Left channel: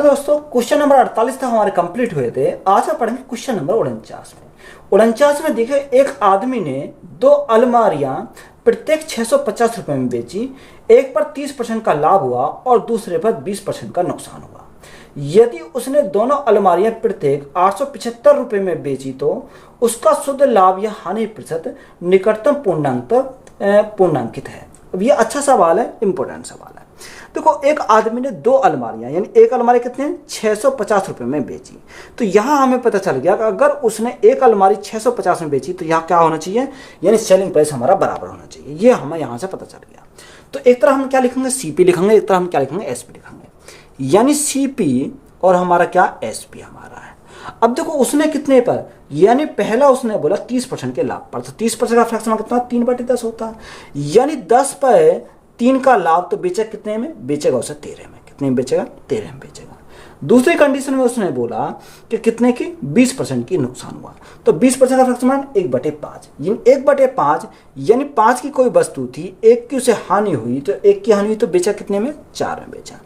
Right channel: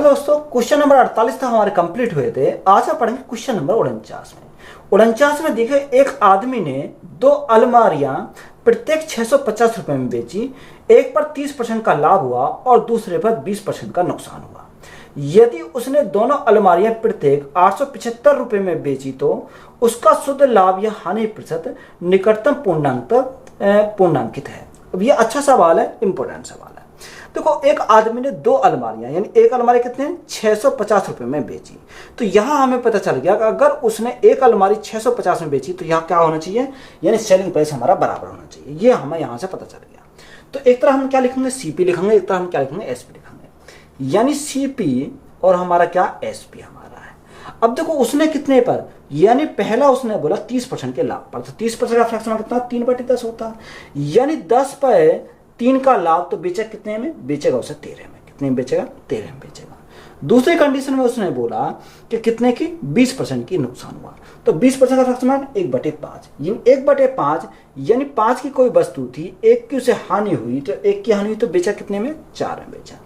Hello दोस्तों, question number 48 तक हमारे कंप्लीट हुए थे। आज हम पढ़ेंगे क्वेश्चन नंबर 49 में। 49 में देखिए, एक आदमी ने दो अलमारियां प्रत्येक 650 रुपए में बेची। एक पर 30% का लाभ हुआ और दूसरे पर 20% का नुकसान हुआ। यदि उसने दोनों अलमारियां प्रत्येक 875 रुपए में बेची तो उसका शुद्ध लाभ या हानि प्रतिशत निकटतम पूर्णांकित है। अब ये अच्छा सवाल है, इंपॉर्टेंट सवाल है। देखो, एक आदमी ने दो अलमारियां, यानी एक अलमारी कितने 650 रुपए में बेची। तो यहां हमें पता चल गया कि अगर उसने एक अलमारी 650 में बेची तो यहां क्या होना चाहिए, यानी सेलिंग प्राइस हमारा बराबर होना चाहिए। ये हमें यहां से पता चल गया। तो एक तरह हम क्या लिखेंगे, सीपी लिखेंगे, एक तरह हम क्या लिखेंगे, एसपी लिखेंगे। यानी सीपी और हमारा क्या, एसपी हमारा है। अब देखो, उसने कितने पर, यानी पहला उसने बोला 30% के लाभ पर, तो 30% का फ्रैक्शन कितना, 3/10 होता है। यानी 10 पर 3 का लाभ, तो बेचा कितने में, बेचेगा उसे 13 में। कितने में बेचेगा, 13 में बेचेगा। दूसरी कंडीशन में उसने बोला कि कितने की, 20% की नुकसान हुआ। तो 20% का फ्रैक्शन 1/5। 1/5 यानी 5 की कोई वस्तु थी, एक की उसे हानि हुई, तो एक की हानि हुई तो बेचा कितने में, 4 में बेचा।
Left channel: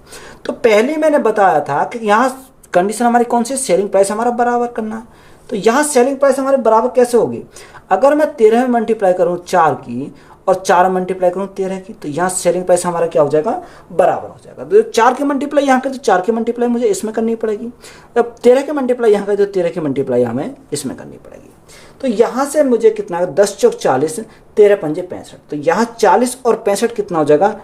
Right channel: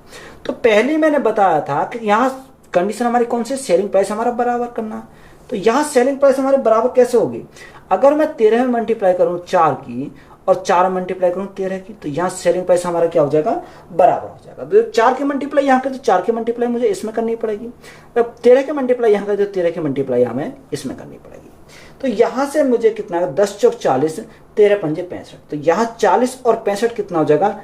तो पहले मैंने बताया था कि यहाँ कंडीशन हमारी कौन सी, सेलिंग प्राइस हमारा बराबर करना। तो यहाँ सेलिंग प्राइस हमारे बराबर कैसे होगी, अगर मैं 13 में मल्टीप्लाई करूँ 4 की और 4 मल्टीप्लाई करूँ 13 की, तो यहाँ सेलिंग प्राइस हमारा क्या हो जाएगा, बराबर हो जाएगा। तो 4 की मल्टीप्लाई यहाँ पे, तो 4 की मल्टीप्लाई मुझे इसमें करनी पड़ेगी। अब 13 की मल्टीप्लाई यहाँ पे, तो 13 की मल्टीप्लाई हमें इसमें करनी पड़ेगी। तो यहाँ से मुझे कितना, 10 चौक 40, 13 पंजे 65। तो यहाँ 40 और 65 कितना हो जाएगा,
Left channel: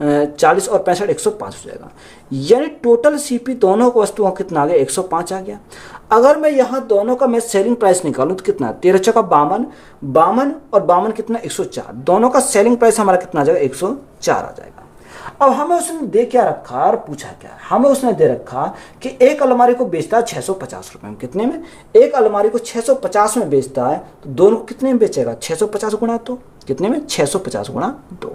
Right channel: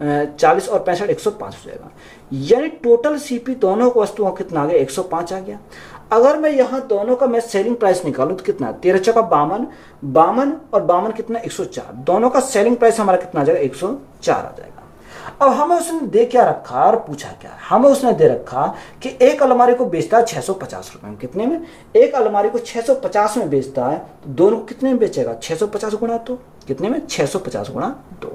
40 और 65 105 हो जाएगा। यानी टोटल सीपी दोनों को वस्तुओं का कितना आ गया, 105 आ गया। अगर मैं यहाँ दोनों का मैं सेलिंग प्राइस निकालूं तो कितना, 13 चौका 52, 52 और 52 कितना, 104। दोनों का सेलिंग प्राइस हमारा कितना आ जाएगा, 104 आ जाएगा। अब हमें उसने दे क्या रखा और पूछा क्या, हमें उसने दे रखा कि एक अलमारी को बेचता है 650 रुपए में। कितने में, एक अलमारी को 650 में बेचता है, तो दोनों कितने में बेचेगा, 650 गुणा 2, कितने में, 650 गुणा 2।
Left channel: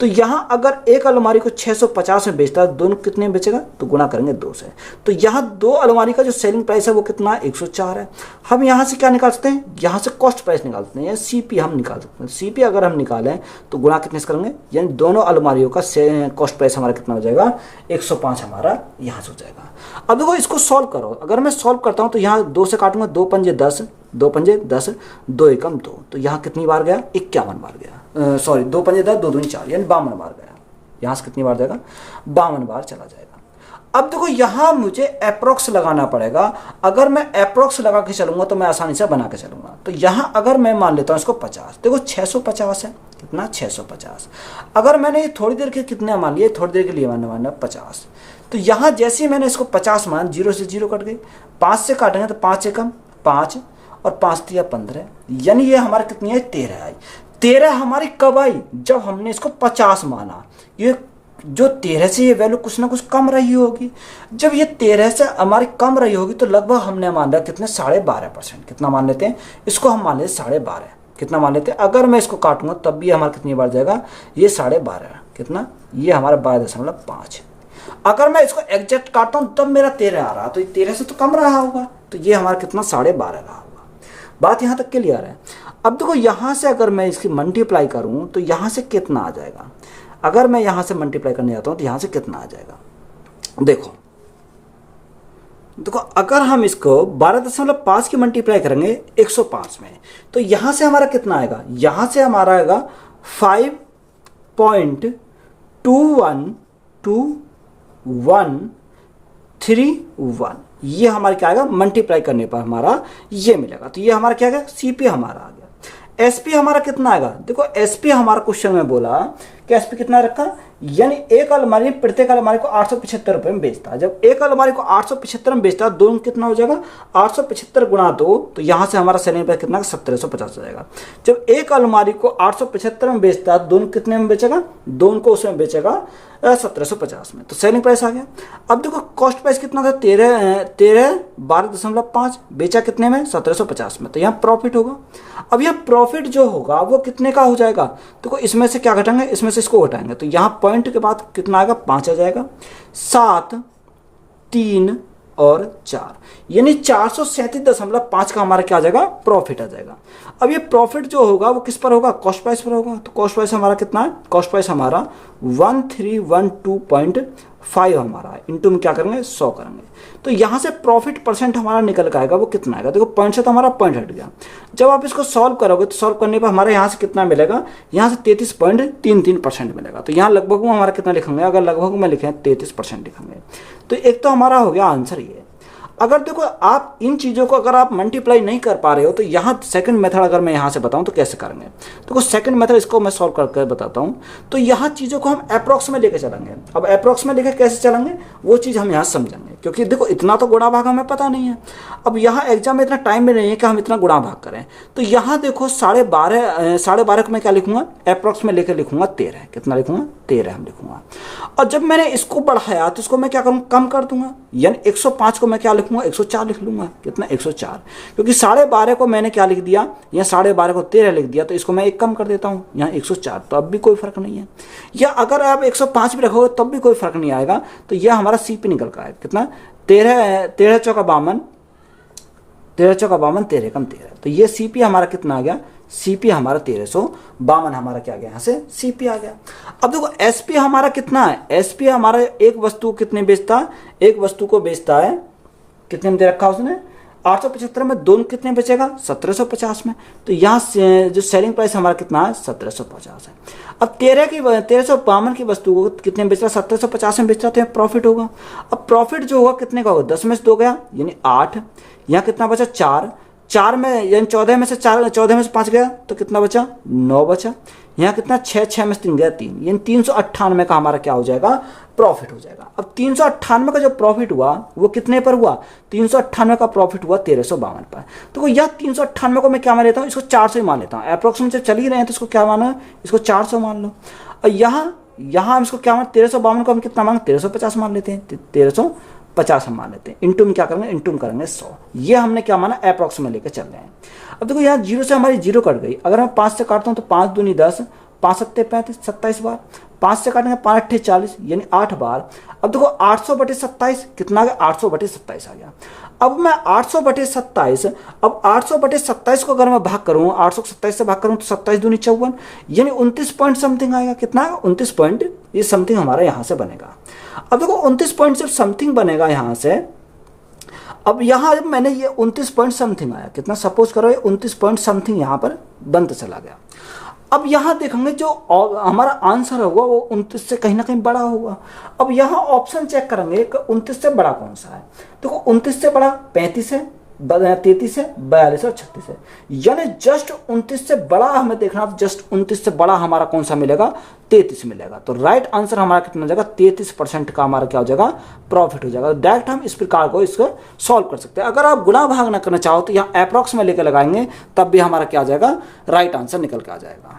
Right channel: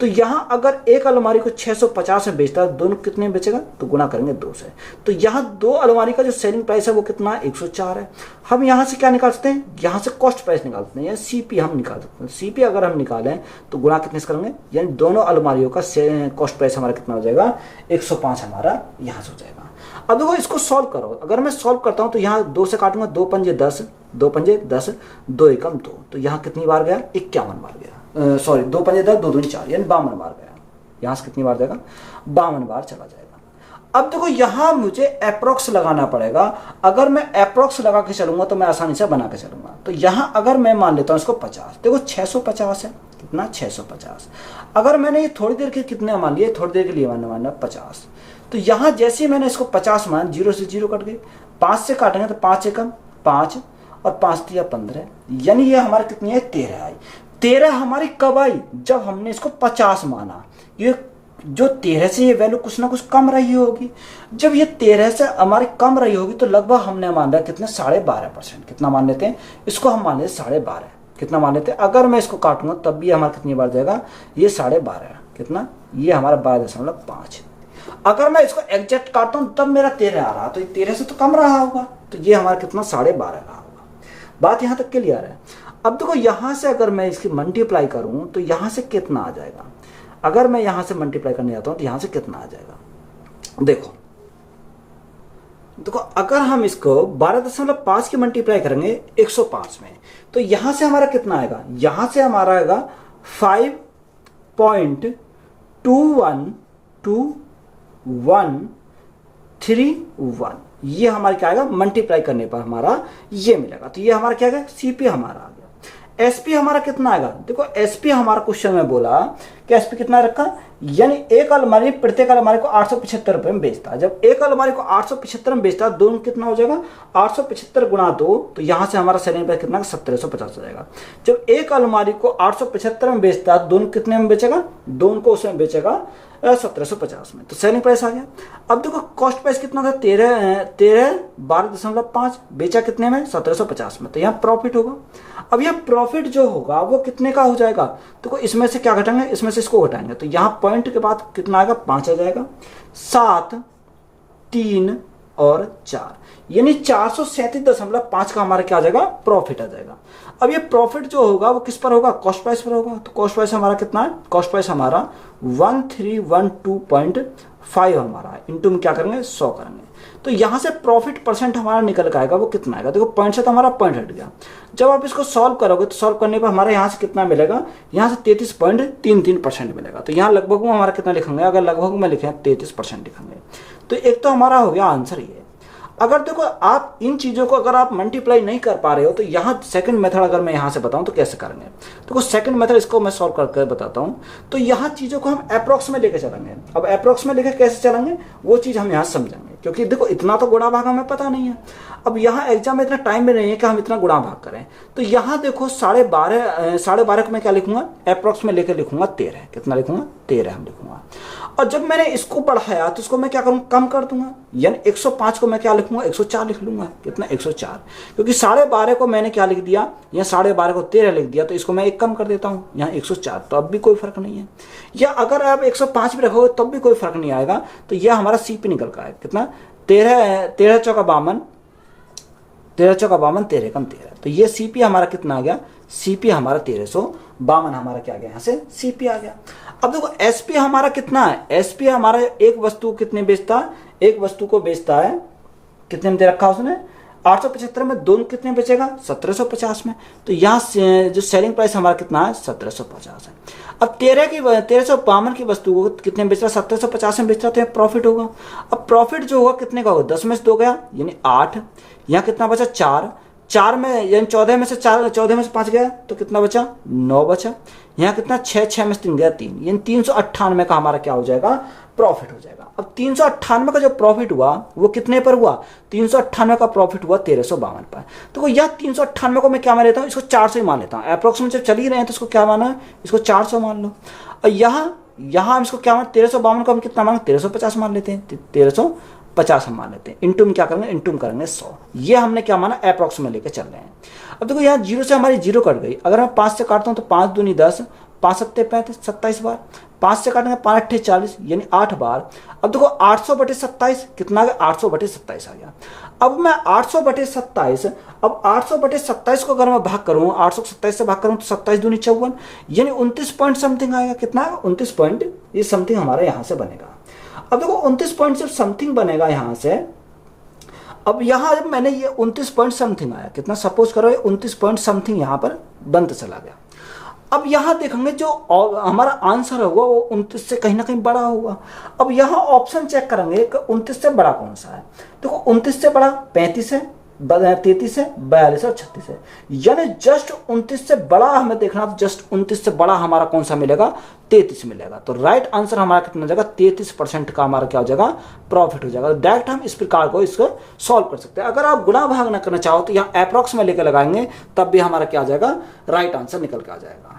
तो यहां अगर एक अलमारी को 650 में बेचता है, दोनों कितने में बेचेगा, तो गुणा करेंगे 2 से। तो यहां दो अलमारी का जो सेलिंग प्राइस है वो कितना है, 104 है। हम यहां से क्या निकाल सकते हैं, यहां से कॉस्ट प्राइस निकाल सकते हैं, सीपी हम निकाल सकते हैं। सीपी अगर हम निकालें तो गुणा कितने से करेंगे, यानी दोनों अलमारियों का कॉस्ट प्राइस हमारा कितना हो जाएगा, 105 हमारा यहां से हो जाएगा। अब देखो, इसको सॉल्व करो। अगर मैं सॉल्व करता हूं तो यहाँ 2 से काटूंगा, 2 पंजे 10, 2 पंजे 10, 2 एकम 2। तो यहाँ कितनी बार गया, 51 बार गया। सॉरी, 2 पंजे 10, 2 दूनी 4, यानी 52 बार गया। यहाँ से कितनी बार जाएगा, 52 बार चला जाएगा। अब देखो, यहाँ मुझे अप्रोक्स लगाना पड़ेगा। अगर मैं अप्रोक्स लगा के चलूंगा तो मैं आसानी से बना के चलूंगा। तो यहाँ अगर मैं मान लेता हूँ इसको 50, देखो 650 है, कितना, 650। अगर मैंने ये थोड़ी देर के कितने मान लिए, थोड़ी देर के लिए मैंने माना 50। तो यहाँ जैसे ही मैंने इसको 50 मान, 0 से 0 कट गई, 5 से काटेंगे तो 5 से कम 5 और 5 दिया 15, यानी ये हमारे कितनी है, 13 आई। 13 हमारी कब आई, जब हमने इसको 50 माना। ये जो 13 से ये वैल्यू कुछ ना कुछ कम रही होगी। जब ये 13 से हमारी कम रही होगी तो लगभग हमने मान लिया कितने, 12.5%। कितना मान लेते हैं, इसको हम मान लेते 12.5। कितना मान लेते हैं, अगर मैं इसको काटूंगा तब भी हमारा कितनी बार जाएगा, ये 12.5, कितना, ये हमारा 12.5। अगर मैं इसको एग्जैक्ट काटता हूं तब मेरा 13 आ रहा, तो 13 से तो कम रहा होगा, तो ये हमारा कितना, 12.5 रहा होगा। बात यहां तक क्लियर है। अब देखो, यहां से अगर मैं इसकी मल्टीप्लाई करूं तो यहां से कितना आ जाएगा, अगर मैं यहां से मल्टीप्लाई करने जाता हूं तो यहां से कितना आ जाएगा। देखो देखो, अगर हम इसको 12.5 की मल्टीप्लाई करेंगे 105 में, तो यहां से हमारा कितना आएगा, यहां से हमारा आएगा 5.212131। ये हमारा क्या आएगा, मल्टीप्लाई करने पर हमारा ये मिलेगा। तो ये हमारा क्या आएगा, सीपी हमारा आ गया। एसपी हमारा कितना आएगा, देखो एसपी हमारा क्वेश्चन में बोला कि एसपी कितना रखा, यानी एक अलमारी प्रत्येक अलमारी को 875 रुपए में बेचता है। जब एक अलमारी को 875 में बेचता है, दोनों कितना हो जाएगा, 875 गुणा 2, तो यहां से हमारा सेलिंग प्राइस कितना, 1750 हो जाएगा। जब एक अलमारी को 875 में बेचता है, दोनों कितने में बेचेगा, दोनों को उसमें बेचेगा 1750 में, तो सेलिंग प्राइस आ गया। अब देखो, कॉस्ट प्राइस कितना था, 12.5, बेचा कितने में, 1750 में, तो यहाँ प्रॉफिट होगा। अब यह प्रॉफिट जो होगा वो कितने का हो जाएगा, तो इसमें से क्या घटाएंगे, इसमें से इसको घटाएंगे, तो यहाँ पॉइंट के बाद कितना आएगा, 5 आ जाएगा। 7, 3 और 4, यानी 437.5 का हमारा क्या आ जाएगा, प्रॉफिट आ जाएगा। अब ये प्रॉफिट जो होगा वो किस पर होगा, कॉस्ट प्राइस पर होगा। तो कॉस्ट प्राइस हमारा कितना है, कॉस्ट प्राइस हमारा 1312.5 5 हमारा है, इंटू में क्या करेंगे 100 करेंगे। तो यहाँ से प्रॉफिट परसेंट हमारा निकल के आएगा, वो कितना आएगा, देखो पॉइंट से तो हमारा पॉइंट हट गया। जब आप इसको सॉल्व करोगे तो सॉल्व करने पर हमारे यहाँ से कितना मिलेगा, यहाँ से 33.33% मिलेगा। तो यहाँ लगभग वो हमारा कितना लिखेंगे, अगर लगभग में लिखें 33% लिखेंगे। तो एक तो हमारा हो गया आंसर ये। अगर देखो आप इन चीज़ों को अगर आप मल्टीप्लाई नहीं कर पा रहे हो तो यहाँ सेकंड मेथड अगर मैं यहाँ से बताऊँ तो कैसे करेंगे। देखो सेकंड मेथड इसको मैं सॉल्व करके बताता हूँ। तो यहाँ चीज़ों को हम अप्रॉक्स में लेके चलेंगे। अब अप्रॉक्स में लेके कैसे चलेंगे वो चीज़ हम यहाँ समझेंगे, क्योंकि देखो इतना तो गुणा भाग हमें पता नहीं है। अब यहाँ एग्जाम में इतना टाइम में नहीं है कि हम इतना गुणा भाग करें। तो यहाँ देखो 12.5 को मैं क्या लिखूंगा, अप्रॉक्स में लेकर लिखूंगा 13। कितना लिखूंगा, 13 हम लिखूंगा। और जब मैंने इसको बढ़ाया तो इसको मैं क्या करूँ, कम कर दूंगा, यानी 105 को मैं क्या लिखूंगा, 104 लिख लूंगा। कितना, 104, क्योंकि 12.5 को मैंने क्या लिख दिया, या 12.5 को 13 लिख दिया, तो इसको मैं एक कम कर देता हूँ, यहाँ 104। तो अब भी कोई फर्क नहीं है। या अगर आप 105 भी रखोगे तब भी कोई फर्क नहीं आएगा। तो यह हमारा सीपी निकल का है कितना, 13 चौका 52, 13 चौका 52, 13 कम 13। तो ये सीपी हमारा कितना आ गया, सीपी हमारा 1352 हमारा क्या आ गया, यहाँ से सीपी आ गया। अब देखो एसपी हमारा कितना है, एसपी हमारा एक वस्तु कितने बेचता है, एक वस्तु को बेचता है, कितने में दे रखा उसने, 875 में, दोनों कितने बेचेगा, 1750 में। तो यहाँ से जो सेलिंग प्राइस हमारा कितना है, 1750 है। अब 1352 की वस्तु को कितने बेच रहा, 1750 में बेच रहा, तो यहाँ प्रॉफिट होगा। अब प्रॉफिट जो होगा कितने का होगा, 10 में से 2 गया यानी 8, यहाँ कितना बचा 4 में, यानी 14 में से 5 गया तो कितना बचा, 9 बचा। यहाँ कितना 6 में से 3 गया 3, यानी 398 का हमारा क्या हो जाएगा, प्रॉफिट हो जाएगा। अब 398 का जो प्रॉफिट हुआ वो कितने पर हुआ, 398 का प्रॉफिट हुआ 1352 पर। तो यह 398 को मैं क्या मान लेता हूँ, इसको 400 ही मान लेता हूँ। अप्रोक्सीमेट जब चल ही रहे हैं तो इसको क्या माना, इसको 400 मान लो। और यहाँ हम इसको क्या मान, 1352 को हम कितना मान, 1350 मान लेते हैं, 1350 हम मान लेते हैं। इंटू में क्या करेंगे, इंटू में करेंगे 100। ये हमने क्या माना, अप्रॉक्स में लेके चल रहे हैं। अब देखो यहाँ 0 से हमारी 0 कट गई। अगर मैं 5 से काटता हूँ तो 5 दूनी 10, 5 सत्ते 35, 27 बार। 5 से काटेंगे 5 अट्ठे 40, यानी 8 बार। अब देखो 800/27 कितना आ गया, 800/27 आ गया। अब मैं 800/27, अब 800/27 को अगर मैं भाग करूँ, 827 से भाग करूँ तो 27 दूनी 54, यानी 29 पॉइंट समथिंग आएगा। कितना है, 29 पॉइंट ये समथिंग हमारा यहाँ से बनेगा। अब देखो 29 पॉइंट सिर्फ समथिंग बनेगा यहाँ से। अब यहाँ जब मैंने ये 29 पॉइंट समथिंग आया, कितना, सपोज करो ये 29 पॉइंट समथिंग यहाँ पर बनते चला गया। अब यहाँ देखेंगे जो हमारा आंसर होगा वो 29 से कहीं ना कहीं बड़ा होगा। अब यहाँ ऑप्शन चेक करेंगे कि 29 से बड़ा कौन सा है। देखो 29 से बड़ा 35 है, 33 है, 42 और 36 है, यानी जस्ट 29 से बड़ा हमें देखना। जस्ट 29 से बड़ा हमारा कौन सा मिलेगा, 33 मिलेगा। तो राइट आंसर हमारा कितना हो जाएगा, 33% का हमारा क्या हो जाएगा, प्रॉफिट हो जाएगा। डायरेक्ट हम इस प्रकार को इसको सॉल्व कर सकते हैं। अगर आप गुणा भाग ना करना चाहो तो यहाँ अप्रॉक्स में लेकर लगाएंगे, तब भी हमारा क्या आ जाएगा, राइट आंसर निकल के आ जाएगा।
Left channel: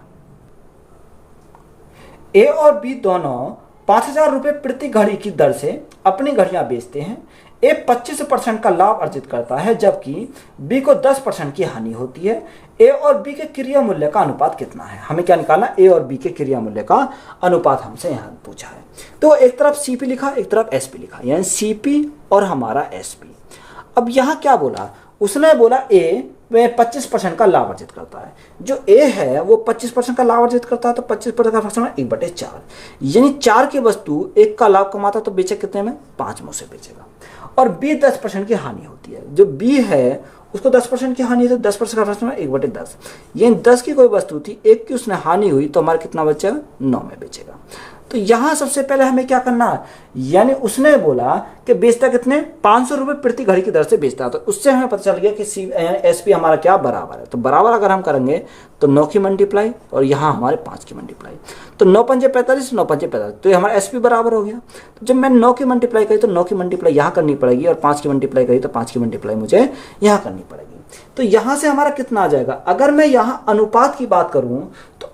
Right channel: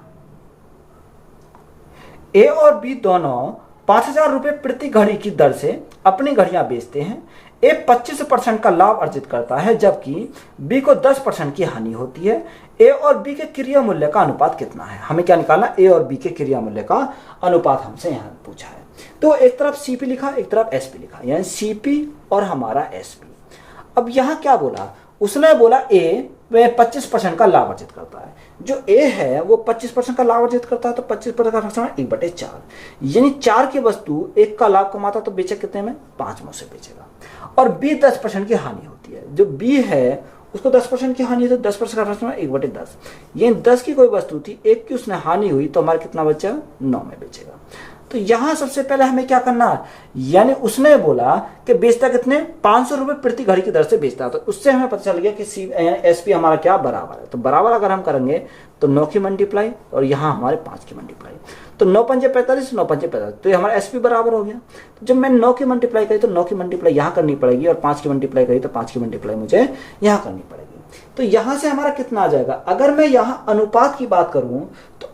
ए और बी दोनों 5000 रुपए प्रति घड़ी की दर से अपनी घड़ियां बेचते हैं। ए 25% का लाभ अर्जित करता है, जबकि बी को 10% की हानि होती है। ए और बी के क्रिया मूल्य का अनुपात कितना है, हमें क्या निकालना, ए और बी के क्रिया मूल्य का अनुपात हमसे यहाँ पूछा है। तो एक तरफ सीपी लिखा, एक तरफ एसपी लिखा, यानी सीपी और हमारा एसपी। अब यहाँ क्या बोला, उसने बोला ए वह 25% का लाभ अर्जित करता है। जो ए है वो 25% का लाभ अर्जित करता है, तो 25% का फ्रैक्शन 1/4, यानी 4 की वस्तु 1 का लाभ कमाता तो बेचे कितने में, 5 में से बेचेगा। और बी 10% की हानि होती है। जो बी है उसको 10% की हानि है, तो 10% का फ्रैक्शन 1/10, यानी 10 की कोई वस्तु थी, 1 की उसने हानि हुई, तो हमारा कितना बचेगा, 9 में बेचेगा। तो यहां सबसे पहले हमें क्या करना है, यानी उसने बोला कि बेचता कितने, 500 रुपए प्रति घड़ी की दर से बेचता है। तो उससे हमें पता चल गया कि एसपी हमारा क्या बराबर है। तो बराबर अगर हम करेंगे तो 9 की मल्टीप्लाई और यहाँ हमारे 5 की मल्टीप्लाई, तो 9 पंजे 45, 9 पंजे 45, तो ये हमारा एसपी बराबर हो गया। तो जब मैं 9 की मल्टीप्लाई करी तो 9 की मल्टीप्लाई यहाँ करनी पड़ेगी, और 5 की मल्टीप्लाई करी तो 5 की मल्टीप्लाई मुझे यहाँ करनी पड़ेगी। तो यहां से हमारा कितना आ जाएगा, अगर मैं यहाँ अनुपात की बात करूं तो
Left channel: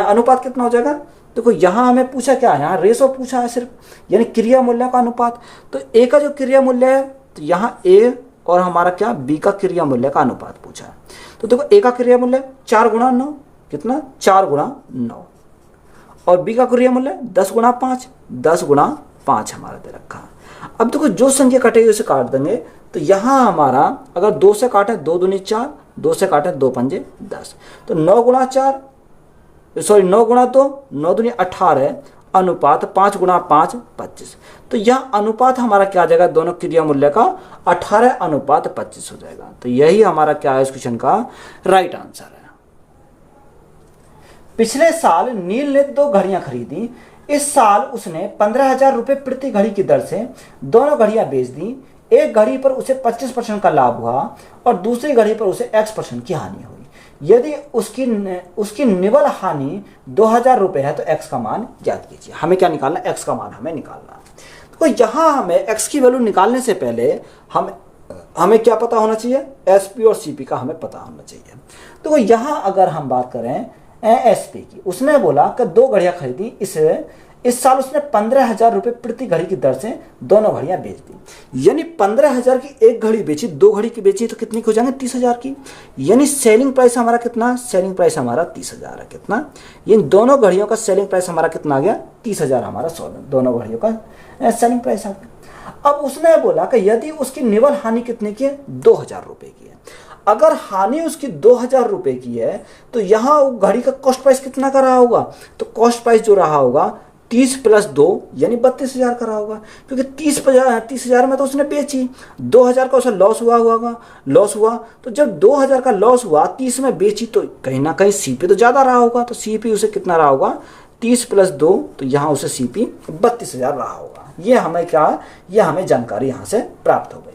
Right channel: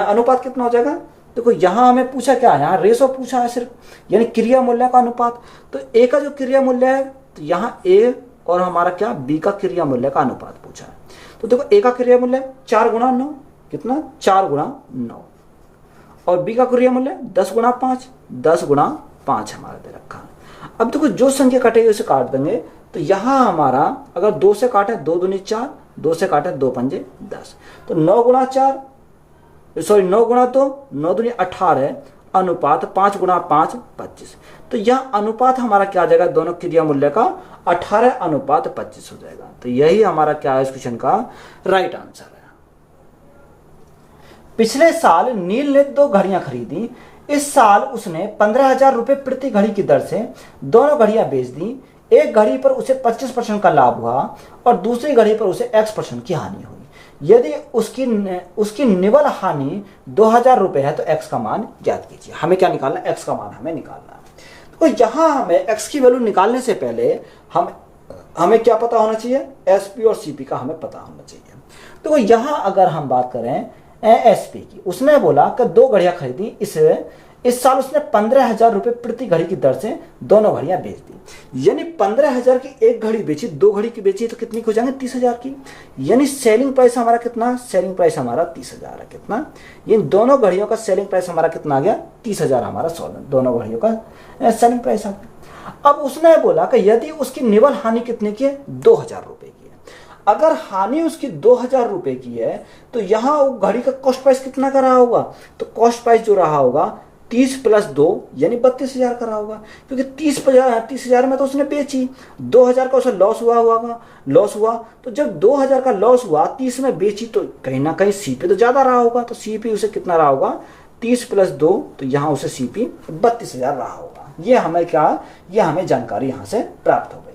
अनुपात कितना हो जाएगा। देखो यहाँ हमें पूछा क्या है, यहाँ रेशो पूछा है सिर्फ, यानी क्रिया मूल्य का अनुपात। तो ए का जो क्रिया मूल्य है, तो यहाँ ए और हमारा क्या, बी का क्रिया मूल्य का अनुपात पूछा है। तो देखो ए का क्रिया मूल्य 4 गुणा 9, कितना, 4 गुणा 9, और बी का क्रिया मूल्य 10 गुणा 5, 10 गुणा 5 हमारा दे रखा। अब देखो जो संख्या कटेगी उसे काट देंगे। तो यहाँ हमारा अगर 2 से काटे 2 दूनी 4, 2 से काटे 2 पंजे 10, तो 9 गुणा 4, सॉरी 9 गुणा 2, 9 दूनी 18, अनुपात 5 गुणा 5 25। तो यह अनुपात हमारा क्या आ जाएगा, दोनों क्रिया मूल्य का 18 अनुपात 25 हो जाएगा। तो यही हमारा क्या है इस क्वेश्चन का राइट आंसर है। पिछले साल नील ने 2 घड़ियां खरीदी। इस साल उसने 15,000 रुपए प्रति घड़ी की दर से दोनों घड़ियां बेच दी। एक घड़ी पर उसे 25% का लाभ हुआ और दूसरी घड़ी पर उसे x% की हानि हुई। यदि उसकी निवल हानि 2,000 रुपए है तो x का मान ज्ञात कीजिए। हमें क्या निकालना, x का मान हमें निकालना है। तो यहां हमें x की वैल्यू निकालने से पहले हमें क्या पता होना चाहिए, एसपी और सीपी का हमें पता होना चाहिए। तो यहां अगर हम बात करें एसपी की, उसने बोला कि 2 घड़ियां खरीदी, इस साल उसने 15,000 रुपए प्रति घड़ी की दर से दोनों घड़ियां बेच दी। यानी 15,000 की एक घड़ी बेची, 2 घड़ी की बेची तो कितनी हो जाएंगे, 30,000 की। यानी सेलिंग प्राइस हमारा कितना, सेलिंग प्राइस हमारा 30,000 है। कितना, ये दोनों घड़ियों का सेलिंग प्राइस हमारा कितना आ गया, 30,000 हमारा दोनों घड़ियों का सेलिंग प्राइस आ गया। अब उसने बोला कि यदि उसकी निवल हानि कितने की है, 2,000 रुपए की है। अगर हानि उसकी 2,000 रुपए की है तो यहां घड़ी का कॉस्ट प्राइस कितना का रहा होगा, तो कॉस्ट प्राइस जो रहा होगा 30 + 2 यानी 32,000 का रहा होगा। क्योंकि 30,000 में तो उसने बेची, 2,000 का उसे लॉस हुआ। तो जब 2,000 का लॉस हुआ, 30 में बेची, तो कहीं ना कहीं सीपी तो ज्यादा रहा होगा। तो सीपी उसे कितना रहा होगा, 30 + 2, तो यहां उसे सीपी 32,000 रहा होगा। ये हमें जानकारी यहां से प्राप्त हो गई।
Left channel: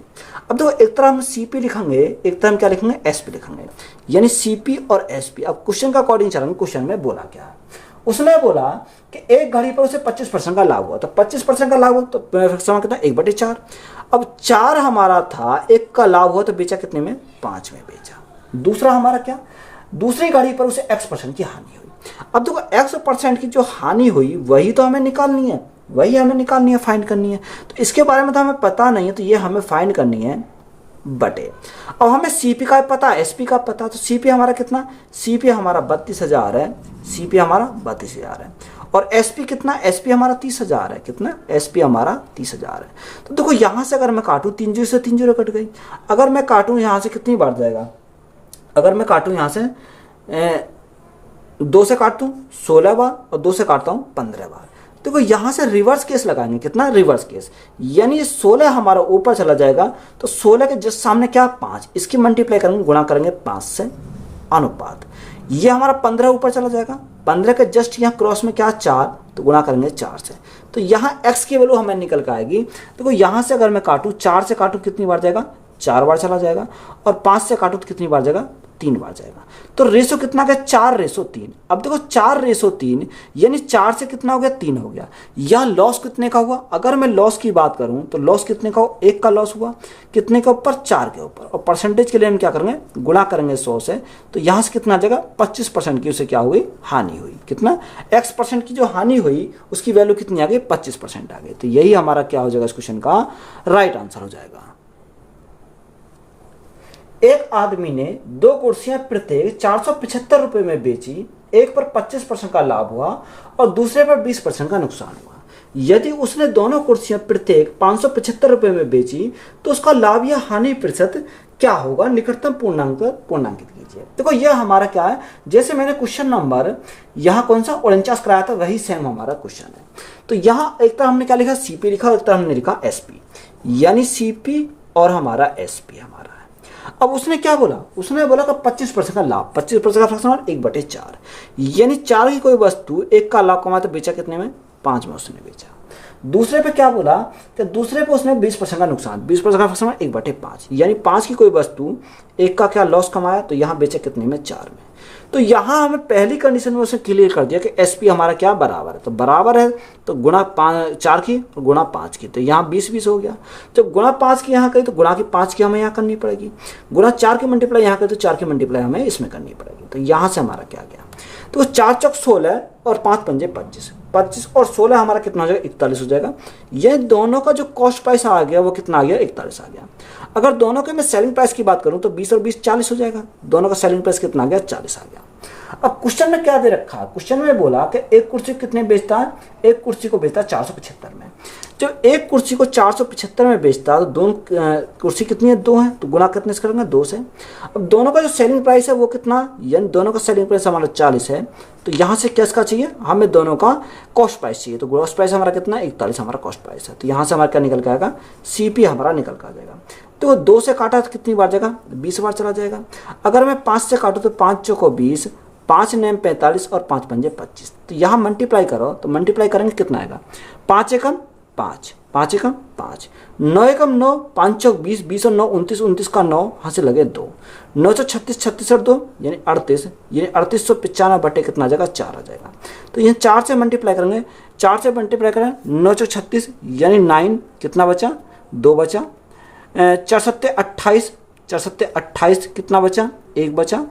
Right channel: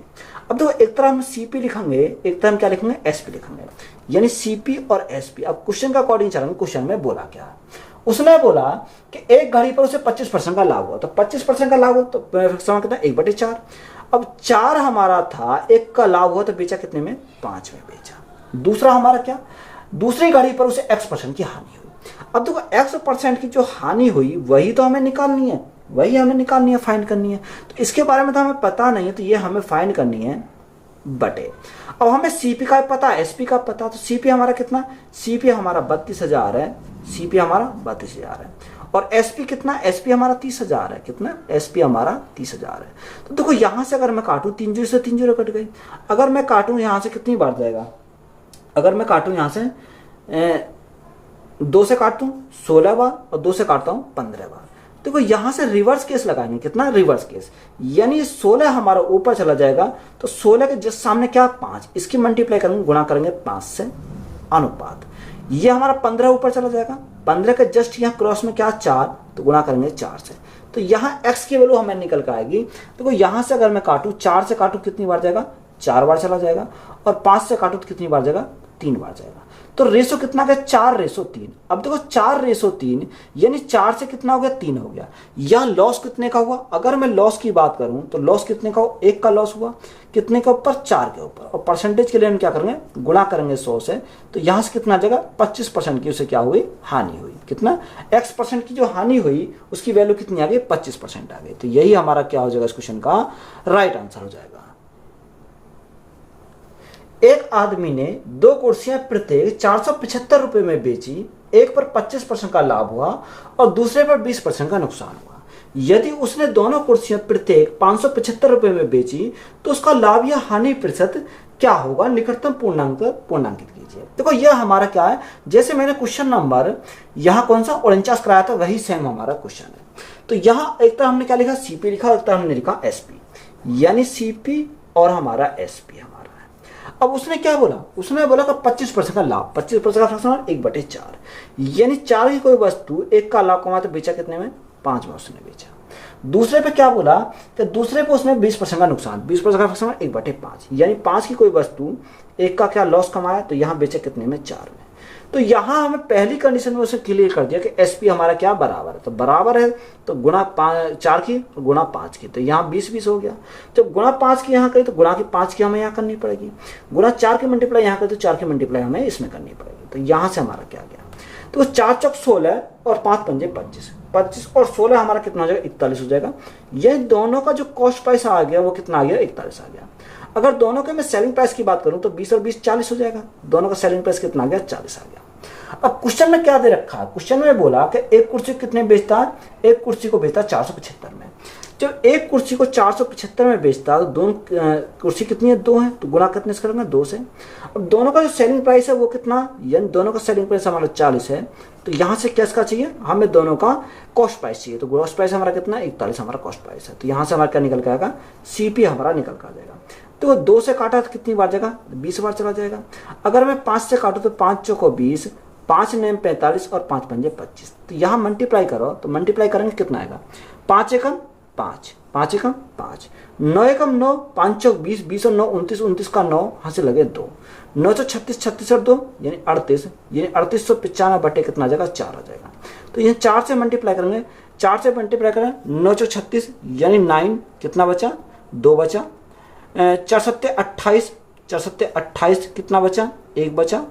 अब देखो, एक तरह हम सीपी लिखेंगे, एक तरह हम क्या लिखेंगे, एसपी लिखेंगे, यानी सीपी और एसपी। अब क्वेश्चन का अकॉर्डिंग चलेंगे। क्वेश्चन में बोला क्या है, उसने बोला कि एक घड़ी पर उसे 25% का लाभ हुआ। तो 25% का लाभ हो तो कितना, 1/4। अब 4 हमारा था, 1 का लाभ हुआ तो बेचा कितने में, 5 में बेचा। दूसरा हमारा क्या, दूसरी घड़ी पर उसे x% की हानि हुई। अब देखो x% की जो हानि हुई वही तो हमें निकालनी है, फाइंड करनी है। तो इसके बारे में तो हमें पता नहीं है, तो ये हमें फाइंड करनी है बटे। अब हमें सीपी का पता, एसपी का पता, तो सीपी हमारा कितना, सीपी हमारा 32,000 है, सीपी हमारा 32,000 है। और एसपी कितना, एसपी हमारा 30,000 है। कितना, एसपी हमारा 30,000 है। तो देखो यहां से अगर मैं काटूं, 3 जीरो से 3 जीरो कट गई। अगर मैं काटूं यहां से कितनी बार जाएगा, अगर मैं काटूं यहां से 2 से काटता हूं 16 बार और 2 से काटता हूं 15 बार। देखो यहां से रिवर्स केस लगाएंगे, कितना, रिवर्स केस, यानी 16 हमारा ऊपर चला जाएगा तो 16 के जस्ट सामने क्या, 5, इसकी मल्टीप्लाई करेंगे, गुणा करेंगे 5 से, अनुपात। ये हमारा 15 ऊपर चला जाएगा, 15 के जस्ट यहाँ क्रॉस में क्या, 4, तो गुणा करेंगे 4 से। तो यहाँ x की वैल्यू हमें निकल कर आएगी। देखो यहां से अगर मैं काटूं, 4 से काटूं कितनी बार जाएगा, 4 बार चला जाएगा। और 5 से काटूं तो कितनी बार जाएगा, 3 बार जाएगा। तो रेशो कितना गया, 4:3। अब देखो 4:3 यानी 4 से कितना हो गया, 3 हो गया। यह लॉस कितने का हुआ, अगर मैं लॉस की बात करूं तो लॉस कितने का, 1 का लॉस हुआ, कितने के ऊपर, 4 के ऊपर। और परसेंटेज के लिए हम क्या करेंगे, गुणा करेंगे 100 से। तो यहां से कितना आ जाएगा, 25% की उसे क्या हुई, हानि हुई। कितना, x% की जो हानि हुई उसकी वैल्यू कितनी आ गई, 25% आ गई। तो यही हमारा क्या हो जाएगा इस क्वेश्चन का राइट आंसर हो जाएगा। एक आदमी ने 2 कुर्सियां प्रत्येक 475 रुपए में बेची। एक पर 25% का लाभ हुआ और दूसरे पर 20% का नुकसान हुआ। यदि उसने दोनों कुर्सियां प्रत्येक 575 रुपए में बेची तो उसका लाभ या हानि प्रतिशत क्या होगा, निकटतम पूर्णांकित कीजिए। देखो यह हमारा क्या है, जैसे मैंने क्वेश्चन नंबर यहाँ कौन सा 49 कराया था, वही सेम हमारा क्वेश्चन है। तो यहाँ एक तरह हमने क्या लिखा, सीपी लिखा, और एक तरह हमने लिखा एसपी, यानी सीपी और हमारा एसपी हमारा। अब उसने क्या बोला, उसने बोला कि 25% का लाभ, 25% का फ्रैक्शन 1/4, यानी 4 की कोई वस्तु 1 का लाभ कमाया तो बेचा कितने में, 5 में उसने बेचा। दूसरे पे क्या बोला कि दूसरे पे उसने 20% का नुकसान, 20% का फ्रैक्शन 1/5, यानी 5 की कोई वस्तु 1 का क्या लॉस कमाया तो यहां बेचा कितने में, 4 में। तो यहां हमें पहली कंडीशन में उसे क्लियर कर दिया कि एसपी हमारा क्या बराबर है, तो बराबर है तो गुणा 4 की और गुणा 5 की, तो यहाँ 20 हो गया। तो गुणा 5 की यहाँ कही तो गुणा की 5 की हमें यहाँ करनी पड़ेगी, गुणा 4 की मल्टीप्लाई यहाँ कही तो 4 की मल्टीप्लाई हमें इसमें करनी पड़ेगी। तो यहाँ से हमारा क्या गया, तो 4 चौक 16 और 5 पंजे 25, 25 और 16 हमारा कितना हो जाएगा, 41 हो जाएगा। ये दोनों का जो कॉस्ट प्राइस आ गया वो कितना आ गया, 41 आ गया। अगर दोनों के मैं सेलिंग प्राइस की बात करूं तो 20 और 20 40 हो जाएगा। दोनों का सेलिंग प्राइस कितना आ गया, 40 आ गया। अब क्वेश्चन में क्या दे रखा है, क्वेश्चन में बोला कि एक कुर्सी कितने बेचता है, एक कुर्सी को बेचता है 475 में। जब एक कुर्सी को 475 में बेचता है तो दोनों कुर्सी कितनी है, 2 है, तो गुणा कितने से करेंगे, 2 से। अब दोनों का जो सेलिंग प्राइस है वो कितना, यानी दोनों का सेलिंग प्राइस हमारा 40 है, तो यहाँ से किसका चाहिए, हमें दोनों का कॉस्ट प्राइस चाहिए, तो कॉस्ट प्राइस हमारा कितना, 41 हमारा कॉस्ट प्राइस है, तो यहाँ से हमारा क्या निकल के आएगा, सीपी हमारा निकल कर आ जाएगा। तो 2 से काटा तो कितनी बार जाएगा, 20 बार चला जाएगा। अगर मैं 5 से काटूँ तो 5 चौको 20, 5 नेम 45 और 5 पंजे 25, तो यहाँ मल्टीप्लाई करो तो मल्टीप्लाई करेंगे कितना आएगा, 5 एकम 5, 5 एकम 5, 9 एकम 9, 5 चौक 20, 20 और 9 29, 29 का 9 यहाँ से लगे 2, 9 सौ 36, 36 और 2 यानी 38, यानी 3895 बटे कितना आ जाएगा, 4 आ जाएगा। तो ये 4 से मल्टीप्लाई करेंगे, 4 से मल्टीप्लाई करें 9 सौ 36 यानी 9 कितना बचा, 2 बचा, 4 सत्ते 28, 4 सत्ते 28 कितना बचा, 1 बचा,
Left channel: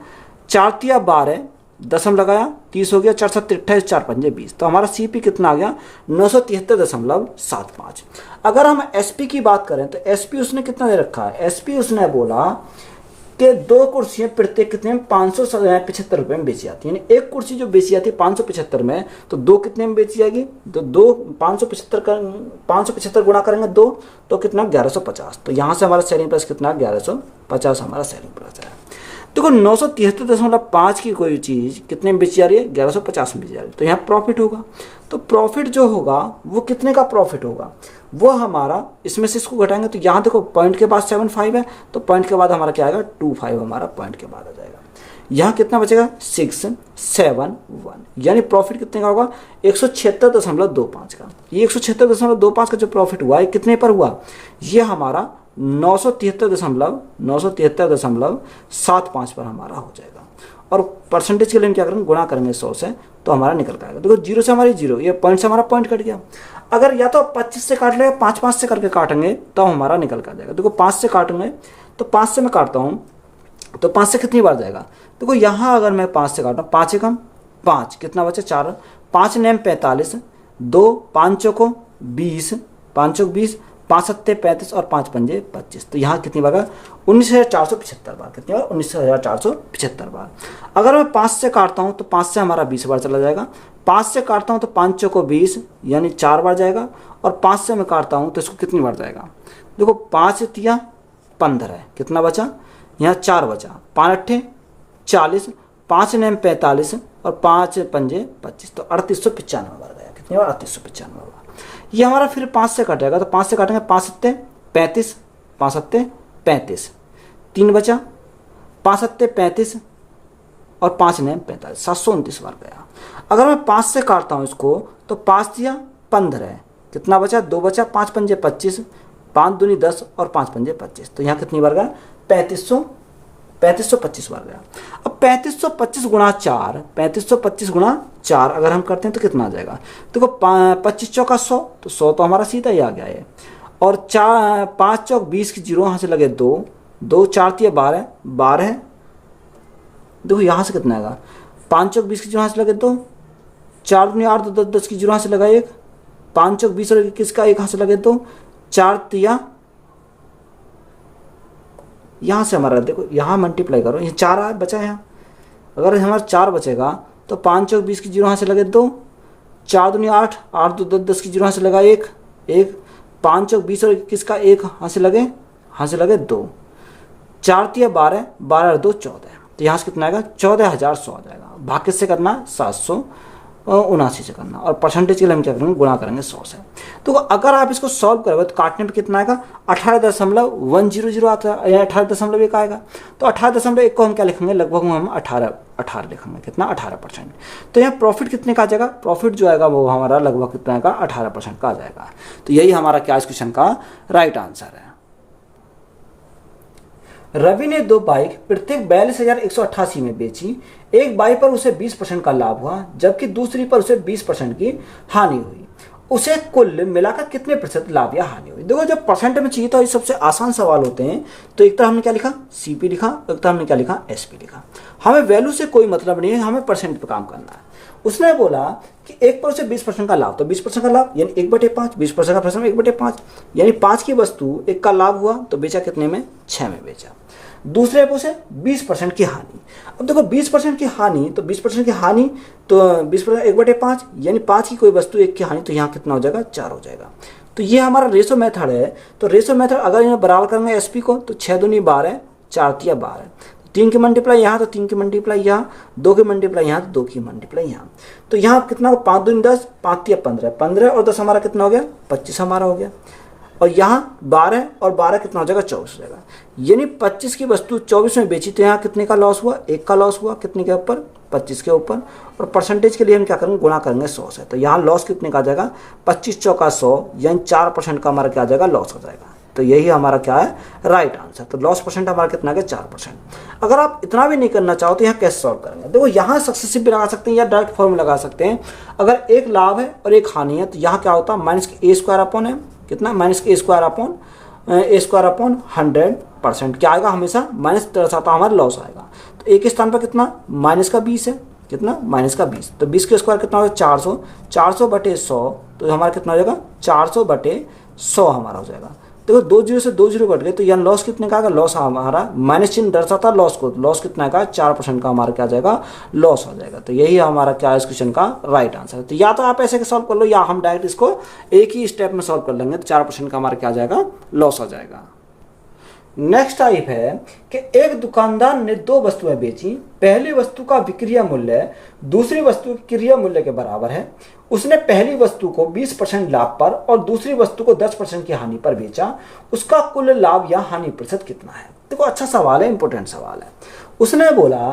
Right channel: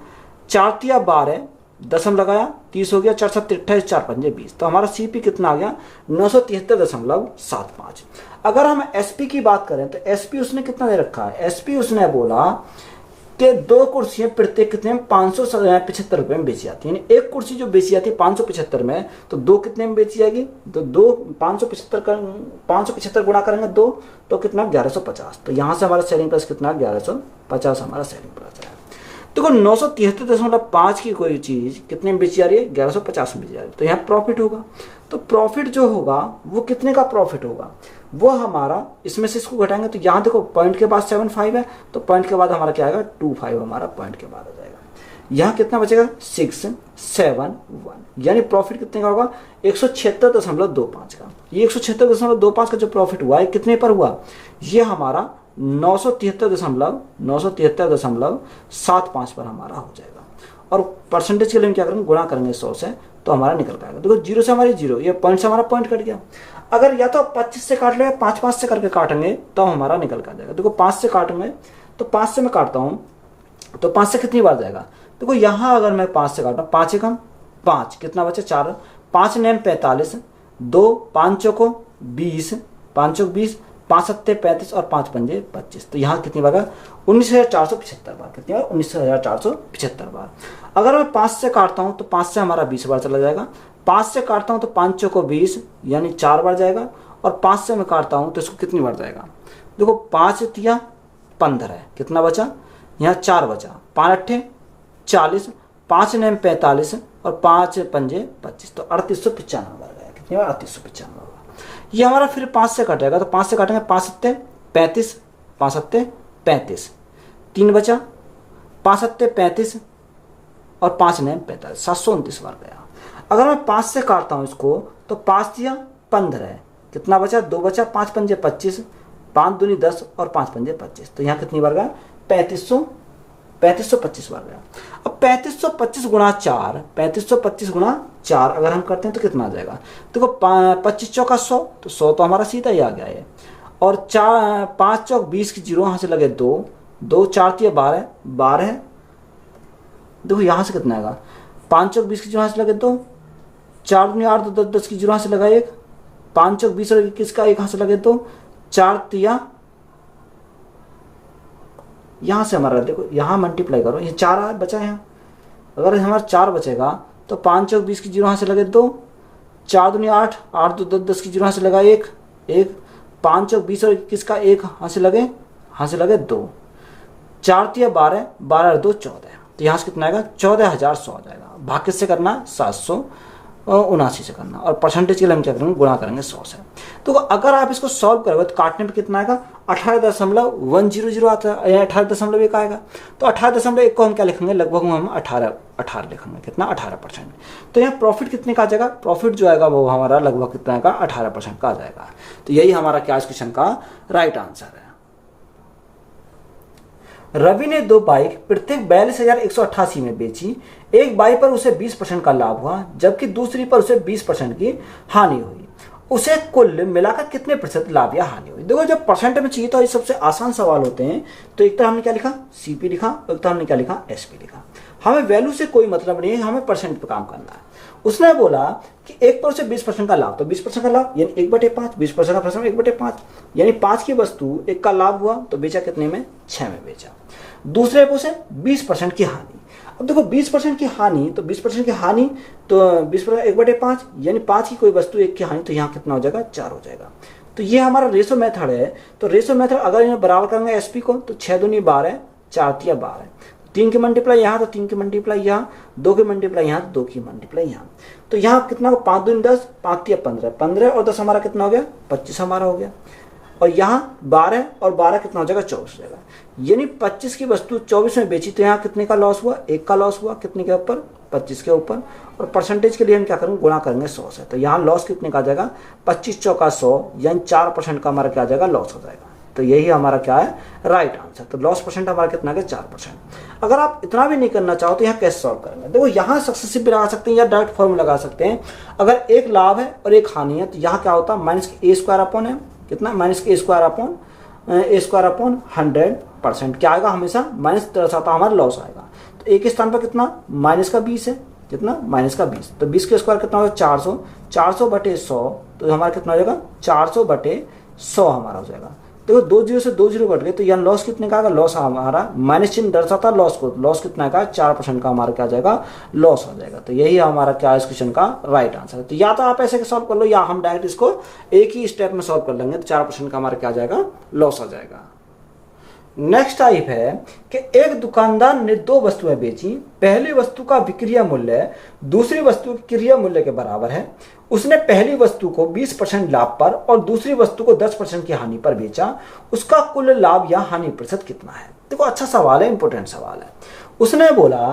4 तिया 12 दशम लगाया 30 हो गया, 4 सत्ते 28, 4 पंजे 20, तो हमारा सीपी कितना आ गया, 973.75। अगर हम एसपी की बात करें तो एसपी उसने कितना दे रखा है, एसपी उसने बोला कि 2 कुर्सियां प्रत्येक कितने में 575 रुपए में बेची जाती है, यानी एक कुर्सी जो बेची जाती है 575 में, तो 2 कितने में बेची जाएगी, तो 2 575 गुणा करेंगे 2 तो कितना 1150, तो यहाँ से हमारा सेलिंग प्राइस कितना 1150 हमारा सेलिंग प्राइस है। देखो 973.5 की कोई चीज़ कितने में बेची जा रही है, 1150 में बेची जा रही है, तो यहाँ प्रॉफिट होगा, तो प्रॉफिट जो होगा वो कितने का प्रॉफिट होगा, वो हमारा इसमें से इसको घटाएंगे, तो यहाँ देखो पॉइंट के बाद 75 है, तो पॉइंट के बाद हमारा क्या आएगा 25 हमारा पॉइंट के बाद आ जाएगा। यहाँ कितना बचेगा 671, यानी प्रॉफिट कितने का होगा 176.25 का। ये 176.25 का जो प्रॉफिट हुआ है कितने पर हुआ, ये हमारा 973.75 पर हमारा हो जाएगा। और परसेंटेज के लिए हम क्या करेंगे, गुणा करेंगे 100 से, तो हमारा निकल पाएगा। देखो 0 से हमारी 0, ये पॉइंट से हमारा पॉइंट कट गया। अगर या तो 25 से काट लेगा, 5 से करके काटेंगे तो हमारा निकल कर जाएगा। देखो 5 से काटेंगे तो 5 से मैं काटता हूँ तो 5 से कितनी बार जाएगा, देखो यहाँ अगर मैं 5 से काटूँ, 5 एकम 5 कितना बचा 4, 5 नेम 45, 2 5 चौको 20, 5 चौक 20, 5 सत्ते 35 और 5 पंजे 25, तो यहाँ कितनी बार 19,475 बार, कितनी बार 19,475 बार। अगर मैं 5 से काटता हूँ तो 5 से हमारा 20 बार चला जाएगा, 5 से काटता हूँ तो 5 चौको 20 यानी 4 बार जाएगा, और 5 से मैं काटता हूँ तो इसको कितनी बार जाएगा, देखो 5 तिया 15 है, कितना बचा यहाँ 4 बचा, 5 अट्ठे 40, 5 नेम 45 और 5 पंजे 25, तो 3895 बार गया, कितनी बार 3895 बार। ये हमारा फिर 5 से कटेगा, तो 5 से काटेंगे 5 सत्ते 35, 5 सत्ते 35, 3 बचा, 5 सत्ते 35 और 5 नेम 45, 729 बार गया। अगर मैं 5 से काटता हूँ इसको तो 5 दिया 15 है, कितना बचा 2 बचा, 5 पंजे 25, 5 दूनी 10 और 5 पंजे 25, तो यहाँ कितनी बार गया 3525 बार गया। अब 3525 गुणा 4, 3525 गुणा 4 अगर हम करते हैं तो कितना आ जाएगा, देखो 25 चौका 100, तो 100 तो हमारा सीधा ही आ गया है, और 5 चौक 20 की 0 यहाँ से लगे 2, 2 4 तिया 12, 12 है, देखो यहाँ से कितना आएगा 5 चौक 20 की 0 यहाँ से लगे 2, 4 दूनी 8 2 10 की 0 यहाँ से लगा 1, 5 चौक 20 और 21 का 1 यहाँ से लगे 2, 4 तिया यहाँ से हमारा देखो यहाँ मल्टीप्लाई करो, ये 4 बचा है, अगर हमारा 4 बचेगा तो 5 चौक 20 की 0 यहाँ से लगे 2, 4 दूनी 8, 8 2 10 की 0 यहाँ से लगा 1, 5 चौक 20 और 21 का 1 यहाँ से लगे 2, 4 तिया 12, 12 और 2 14, तो यहाँ से कितना आएगा 14,100 आ जाएगा। भाग किससे करना है 779 से करना, और परसेंटेज के लिए हम क्या करेंगे गुणा करेंगे 100 से। तो अगर आप इसको सॉल्व करोगे तो काटने पे कितना आएगा 18.100 आता है, 18.1 आएगा, तो 18.1 को हम क्या लिखेंगे, लगभग हम 18 लिखेंगे, कितना 18%। तो यहाँ प्रॉफिट कितने का आ जाएगा, प्रॉफिट जो आएगा वो हमारा लगभग कितना आएगा 18% का आ जाएगा। तो यही हमारा क्या इस क्वेश्चन का राइट आंसर है। रवि ने 2 बाइक प्रत्येक 42,188 में बेची, एक बाइक पर उसे 20% का लाभ हुआ जबकि दूसरी पर उसे 20% की हानि हुई, उसे कुल मिलाकर कितने प्रतिशत लाभ या हानि हुई। देखो जब परसेंट में चाहिए तो ये सबसे आसान सवाल होते हैं, तो एक तरह हमने क्या लिखा सीपी लिखा, एक तरह हमने क्या लिखा एसपी लिखा। हमें वैल्यू से कोई मतलब नहीं है, हमें परसेंट पर काम करना है। उसने बोला कि एक पर उसे 20% का लाभ, तो 20% का लाभ यानी 1/5, 20% का परसेंट 1/5 यानी 5 की वस्तु 1 का लाभ हुआ तो बेचा कितने में 6 में बेचा। दूसरे पर उसे 20% की हानि, अब देखो 20% की हानि, तो 20% की हानि तो 20% 1/5 यानी 5 की कोई वस्तु 1 की हानि, तो यहाँ कितना हो जाएगा 4 हो जाएगा। तो ये हमारा रेशो मेथड है। तो रेशो मेथड अगर यहाँ बराबर करेंगे एसपी को तो 6 दूनी 12, 4 तिया 12, 3 की मल्टीप्लाई यहाँ तो 3 की मल्टीप्लाई यहाँ, 2 की मल्टीप्लाई यहाँ तो 2 की मल्टीप्लाई यहाँ। तो यहाँ कितना हो 5 दूनी 10, 5 तिया 15, 15 और 10 हमारा कितना हो गया 25 हमारा हो गया। और यहाँ 12 और 12 कितना हो जाएगा 24 हो जाएगा। यानी 25 की वस्तु 24 में बेची तो यहाँ कितने का लॉस हुआ, 1 का लॉस हुआ, कितने के ऊपर 25 के ऊपर। और परसेंटेज के लिए हम क्या करेंगे गुणा करेंगे 100 से। तो यहाँ लॉस कितने का आ जाएगा 25 चौका 100 यानी 4% का हमारा क्या आ जाएगा लॉस हो जाएगा। तो यही हमारा क्या है राइट आंसर। तो लॉस परसेंट हमारा कितना है 4%। अगर आप इतना भी नहीं करना चाहो तो यहाँ कैसे सॉल्व करेंगे, देखो यहाँ सक्सेसिव भी लगा सकते हैं या डायरेक्ट फॉर्मूला लगा सकते हैं। अगर एक लाभ है और एक हानि है तो यहाँ क्या होता है माइनस ए स्क्वायर अपॉन है कितना माइनस ए स्क्वायर अपॉन 100% क्या आएगा हमेशा माइनस दर्शाता हमारा लॉस आएगा। तो एक स्थान पर कितना माइनस का 20 है, कितना माइनस का 20, तो 20 के स्क्वायर कितना होगा 400, 400 बटे 100 तो हमारा कितना हो जाएगा 400 बटे 100 हमारा हो जाएगा। देखो 2 जीरो से 2 जीरो कट गए तो यहाँ लॉस कितने का आएगा, लॉस हमारा माइनस चिन्ह दर्शाता लॉस को, लॉस कितना का 4% का हमारा क्या जाएगा लॉस हो जाएगा। तो यही हमारा क्या इस क्वेश्चन का राइट आंसर है। तो या तो आप ऐसे सॉल्व कर लो या हम डायरेक्ट इसको एक ही स्टेप में सॉल्व कर लेंगे तो 4% का हमारा क्या जाएगा लॉस हो जाएगा। नेक्स्ट टाइप है कि एक दुकानदार ने 2 वस्तुएं बेची, पहली वस्तु का विक्रय मूल्य दूसरी वस्तु के क्रय मूल्य के बराबर है। उसने पहली वस्तु को 20% लाभ पर और दूसरी वस्तु को 10% की हानि पर बेचा, उसका कुल लाभ या हानि प्रतिशत कितना है। देखो अच्छा सवाल है, इंपॉर्टेंट सवाल है। उसने बोला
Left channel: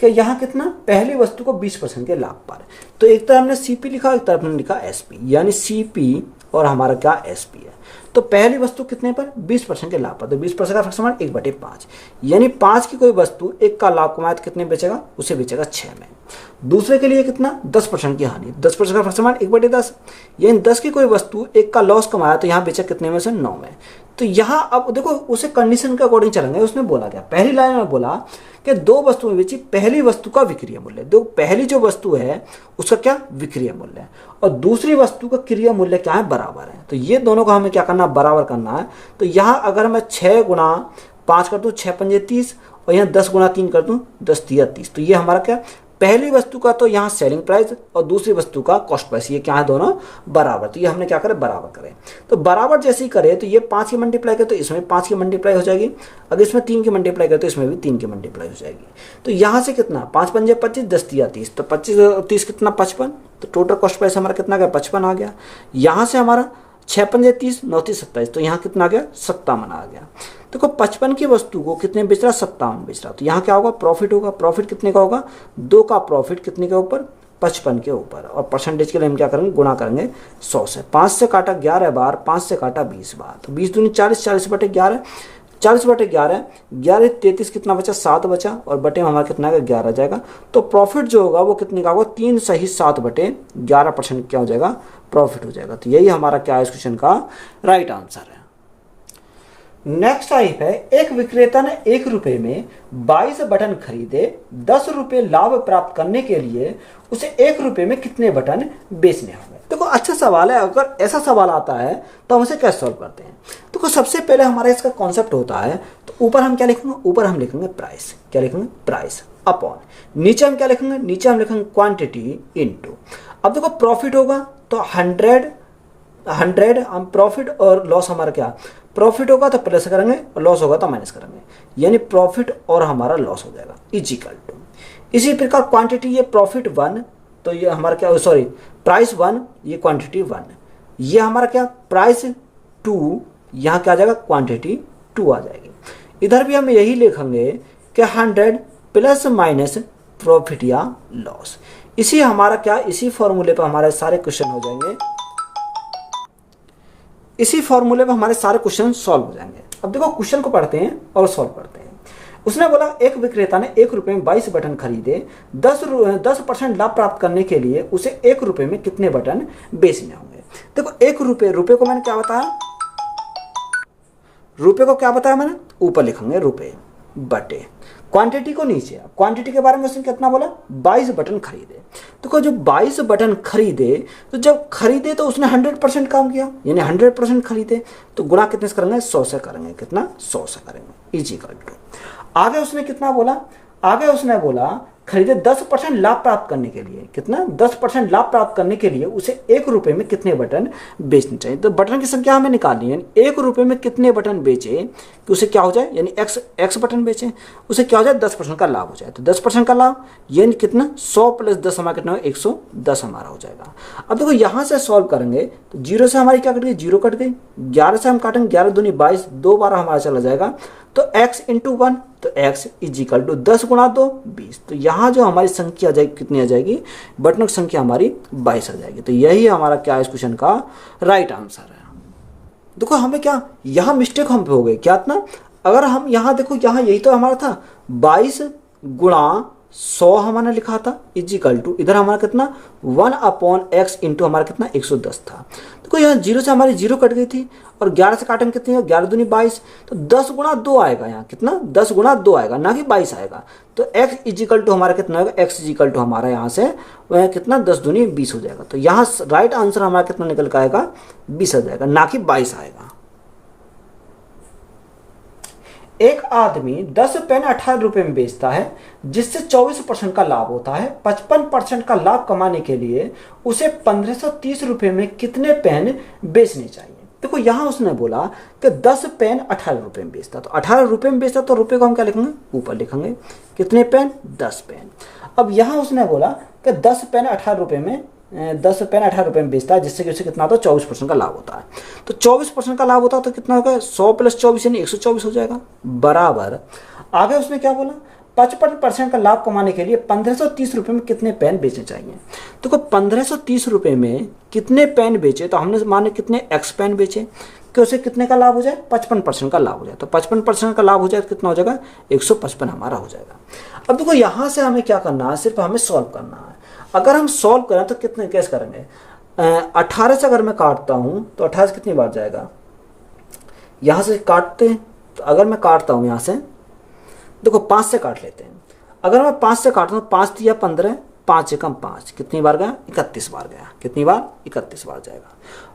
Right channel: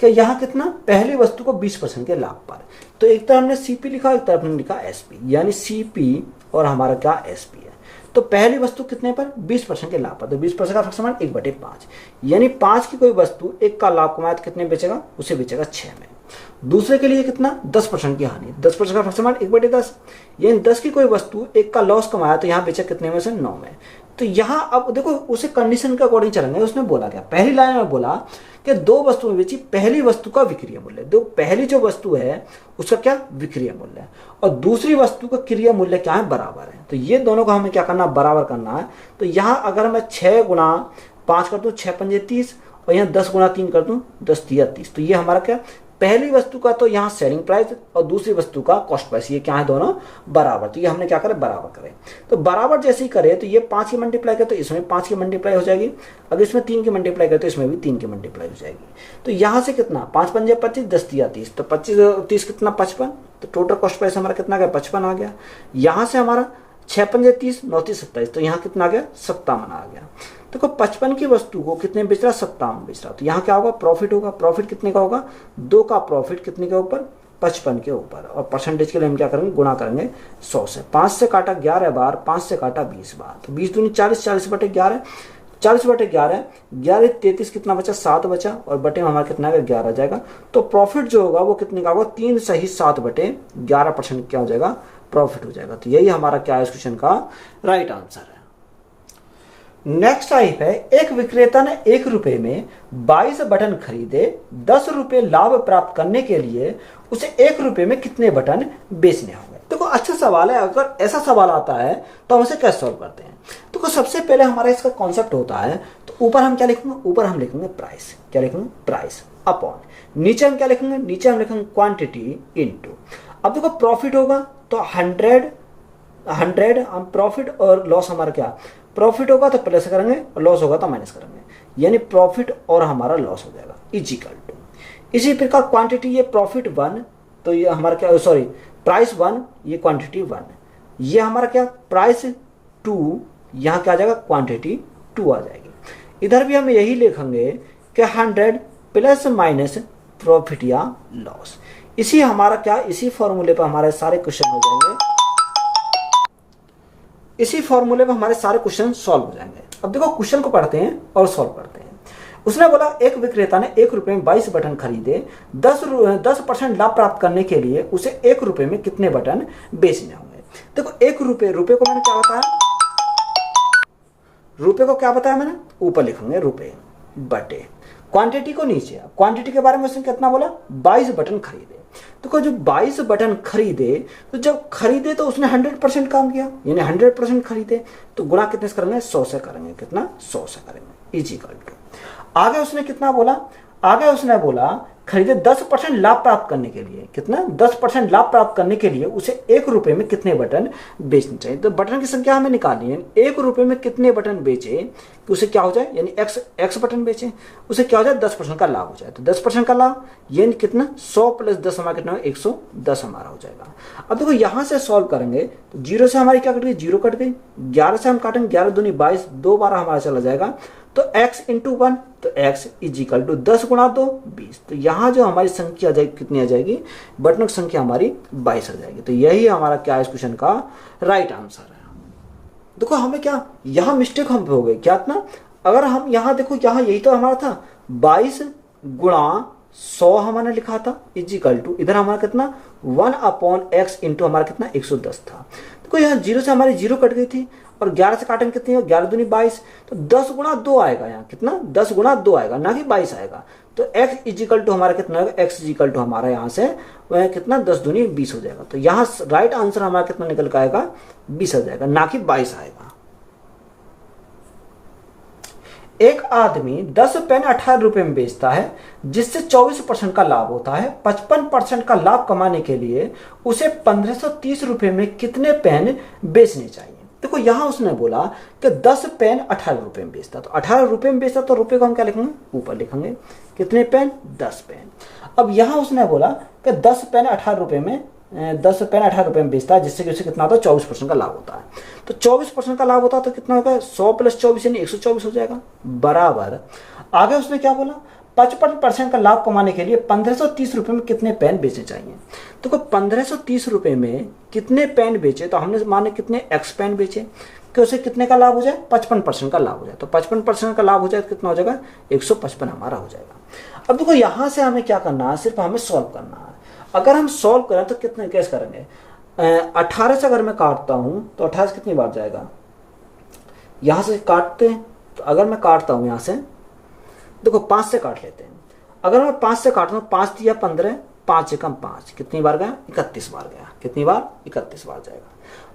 कि यहाँ कितना पहली वस्तु को 20% के लाभ पर, तो एक तरफ हमने सीपी लिखा एक तरफ हमने लिखा एसपी, यानी सीपी और हमारा क्या एसपी है। तो पहली वस्तु कितने पर 20% के लाभ पर, तो 20% का फ्रैक्शन 1/5 यानी 5 की कोई वस्तु 1 का लाभ कमाया तो कितने बेचेगा उसे बेचेगा 6 में। दूसरे के लिए कितना 10% की हानि, 10% का फ्रैक्शन 1/10 यानी 10 की कोई वस्तु 1 का लॉस कमाया तो यहाँ बेचा कितने में से 9 में। तो यहाँ अब देखो उसे कंडीशन के अकॉर्डिंग चलेंगे। उसने बोला क्या पहली लाइन में बोला कि 2 वस्तुएं बेची, पहली वस्तु का विक्रय मूल्य, देखो पहली जो वस्तु है उसका क्या विक्रय मूल्य है और दूसरी वस्तु का क्रय मूल्य क्या है बराबर है। तो ये दोनों का हमें क्या करना बराबर करना है। तो यहाँ अगर मैं 6 गुणा 5 कर दूं 6 पंजे 30 और यहाँ 10 गुणा 3 कर दूं 10 तिया 30, तो ये हमारा क्या पहली वस्तु का तो यहाँ सेलिंग प्राइस और दूसरी वस्तु का कॉस्ट प्राइस ये क्या है दोनों बराबर। तो ये हमने क्या करें बराबर करें। तो बराबर जैसे ही करें तो ये 5 की मल्टीप्लाई करे तो इसमें 5 की मल्टीप्लाई हो जाएगी, अगर इसमें 3 की मल्टीप्लाई करे तो इसमें भी 3 की मल्टीप्लाई हो जाएगी। तो यहाँ से कितना 5 पंजे 25 10 तिया 30, तो 25 30 कितना 55, तो टोटल कॉस्ट प्राइस हमारा कितना गया 55 आ गया। यहाँ से हमारा 6 पंजे 30 9 30 27, तो यहाँ कितना आ गया 57 आ गया। देखो 55 की वस्तु को कितने बेच रहा 57 बेच रहा, तो यहाँ क्या होगा प्रॉफिट होगा। प्रॉफिट कितने का होगा 2 का प्रॉफिट कितने के ऊपर 55 के ऊपर, और परसेंटेज के लिए हम क्या करेंगे गुणा करेंगे 100 से। 5 से काटा 11 बार, 5 से काटा 20 बार, तो 20 दूनी 40, 40/11 40/11 11 33 कितना बचा 7 बचा और बटे में हमारा कितना 11 जाएगा। तो प्रॉफिट जो होगा वो कितने का होगा 3 सही 7/11% क्या हो जाएगा प्रॉफिट हो जाएगा। तो यही हमारा क्या है इस क्वेश्चन का राइट आंसर है। नेक्स्ट टाइप है एक विक्रेता ने 1 रुपए में 22 बटन खरीदे, 10 रुपए लाभ प्राप्त करने के लिए उसे 1 रुपए में कितने बटन बेचने होंगे। देखो अच्छा सवाल है। अगर ऐसा सवाल आता है तो हम इसे कैसे सॉल्व करते हैं। तो सबसे पहले हमारा इसका कॉन्सेप्ट होता है, तो ऊपर हम क्या लिखेंगे, ऊपर हम लिखेंगे प्राइस, क्या लिखेंगे प्राइस अपॉन, नीचे हम क्या लिखेंगे, नीचे हम लिखेंगे क्वांटिटी इनटू। अब देखो प्रॉफिट होगा तो 100 हम प्रॉफिट और लॉस हमारा क्या प्रॉफिट होगा तो प्लस करेंगे और लॉस होगा तो माइनस करेंगे, यानी प्रॉफिट और हमारा लॉस हो जाएगा इक्वल टू। इसी प्रकार क्वांटिटी ये प्रॉफिट 1 तो ये हमारा क्या सॉरी प्राइस 1 ये क्वांटिटी 1, ये हमारा क्या प्राइस 2 यहाँ क्या आ जाएगा क्वांटिटी 2 आ जाएगी। इधर भी हम यही लिखेंगे कि 100 प्लस माइनस प्रॉफिट या लॉस। इसी हमारा क्या इसी फॉर्मूले पर हमारे सारे क्वेश्चन हो जाएंगे, इसी फॉर्मूले में हमारे सारे क्वेश्चन सॉल्व हो जाएंगे। अब देखो क्वेश्चन को पढ़ते हैं और सॉल्व करते हैं। उसने बोला एक विक्रेता ने 1 रुपए में 22 बटन खरीदे, 10% लाभ प्राप्त करने के लिए उसे 1 रुपए में कितने बटन बेचने होंगे। देखो 1 रुपए को मैंने क्या बताया, रुपए को क्या बताया मैंने ऊपर लिखेंगे रुपए बटे क्वांटिटी को नीचे। क्वांटिटी के बारे में उसने कितना बोला 22 बटन खरीदे। तो जो 22 बटन खरीदे तो जब खरीदे तो उसने 100% काम किया, यानी 100% खरीदे तो गुणा कितने से करेंगे 100 से करेंगे, कितना 100 से करेंगे इक्वल टू। आगे उसने कितना बोला, आगे उसने बोला खरीदे 10% लाभ प्राप्त करने के लिए, कितना 10% लाभ प्राप्त करने के लिए उसे 1 रुपये में कितने बटन बेचने चाहिए। तो बटन की संख्या हमें निकालनी है, 1 रुपये में कितने बटन बेचे कि उसे क्या हो जाए, यानी x बटन बेचे उसे क्या हो जाए 10% का लाभ हो जाए। तो 10% का लाभ यानी कितना 100 + 10 हमारा कितना 110 हमारा हो जाएगा। अब देखो यहाँ से सॉल्व करेंगे तो 0 से हमारी क्या कट गई, 0 कट गई, 11 से हम काटेंगे 11 दूनी 22, 2 बार हमारा चला जाएगा तो x × 1 तो x = 10 × 2 20। तो यहाँ जो हमारी संख्या आ जाएगी कितनी आ जाएगी, बटनों की संख्या हमारी 22 आ जाएगी। तो यही हमारा क्या इस क्वेश्चन का राइट आंसर है। देखो हमें क्या यहाँ मिस्टेक हम पे हो गई क्या इतना, अगर हम यहाँ देखो यहाँ यही तो हमारा था 22 × 100 हमारे लिखा था = इधर हमारा कितना 1/x × हमारा कितना 110 था। देखो यहाँ 0 से हमारी 0 कट गई थी और 11 से काटेंगे कितनी है 11 दूनी 22, तो 10 × 2 आएगा, यहाँ कितना 10 × 2 आएगा ना कि 22 आएगा। तो x = हमारा कितना होगा, x = हमारा यहाँ से वह कितना 10 दूनी 20 हो जाएगा। तो यहाँ राइट आंसर हमारा कितना निकल के आएगा 20 आ जाएगा ना कि 22 आएगा। एक आदमी 10 पेन 18 रुपए में बेचता है जिससे 24% का लाभ होता है। 55% का लाभ कमाने के लिए उसे 1530 रुपए में कितने पेन बेचने चाहिए। देखो यहां उसने बोला कि 10 पेन 18 रुपए में बेचता, तो 18 रुपए में बेचता तो रुपए को हम क्या लिखेंगे ऊपर लिखेंगे, कितने पेन 10 पेन। अब यहां उसने बोला कि 10 पेन 18 रुपए में 10 पेन 18 रुपए में बेचता है जिससे कि उसे कितना होता है 24% का लाभ होता है। तो 24% का लाभ होता है तो कितना होगा 100 + 24 यानी 124 हो जाएगा बराबर। आगे उसने क्या बोला 55% का लाभ कमाने के लिए 1530 रुपए में कितने पेन बेचने चाहिए। तो 1530 रुपए में कितने पेन बेचे, तो हमने माने कितने x पेन बेचे कि उसे कितने का लाभ हो जाए 55% का लाभ हो जाए। तो 55% का लाभ हो जाए तो कितना हो जाएगा 155 हमारा हो जाएगा। अब देखो यहां से हमें क्या करना है, सिर्फ हमें सॉल्व करना है। अगर हम सॉल्व करें तो कितने कैसे करेंगे, 18 से अगर मैं काटता हूं तो 18 से कितनी बार जाएगा, यहां से काटते हैं तो अगर मैं काटता हूं यहां से देखो 5 से काट लेते हैं। अगर मैं 5 से काटता हूं 5 × 15 5 × 5 कितनी बार गया 31 बार गया, कितनी बार 31 बार जाएगा।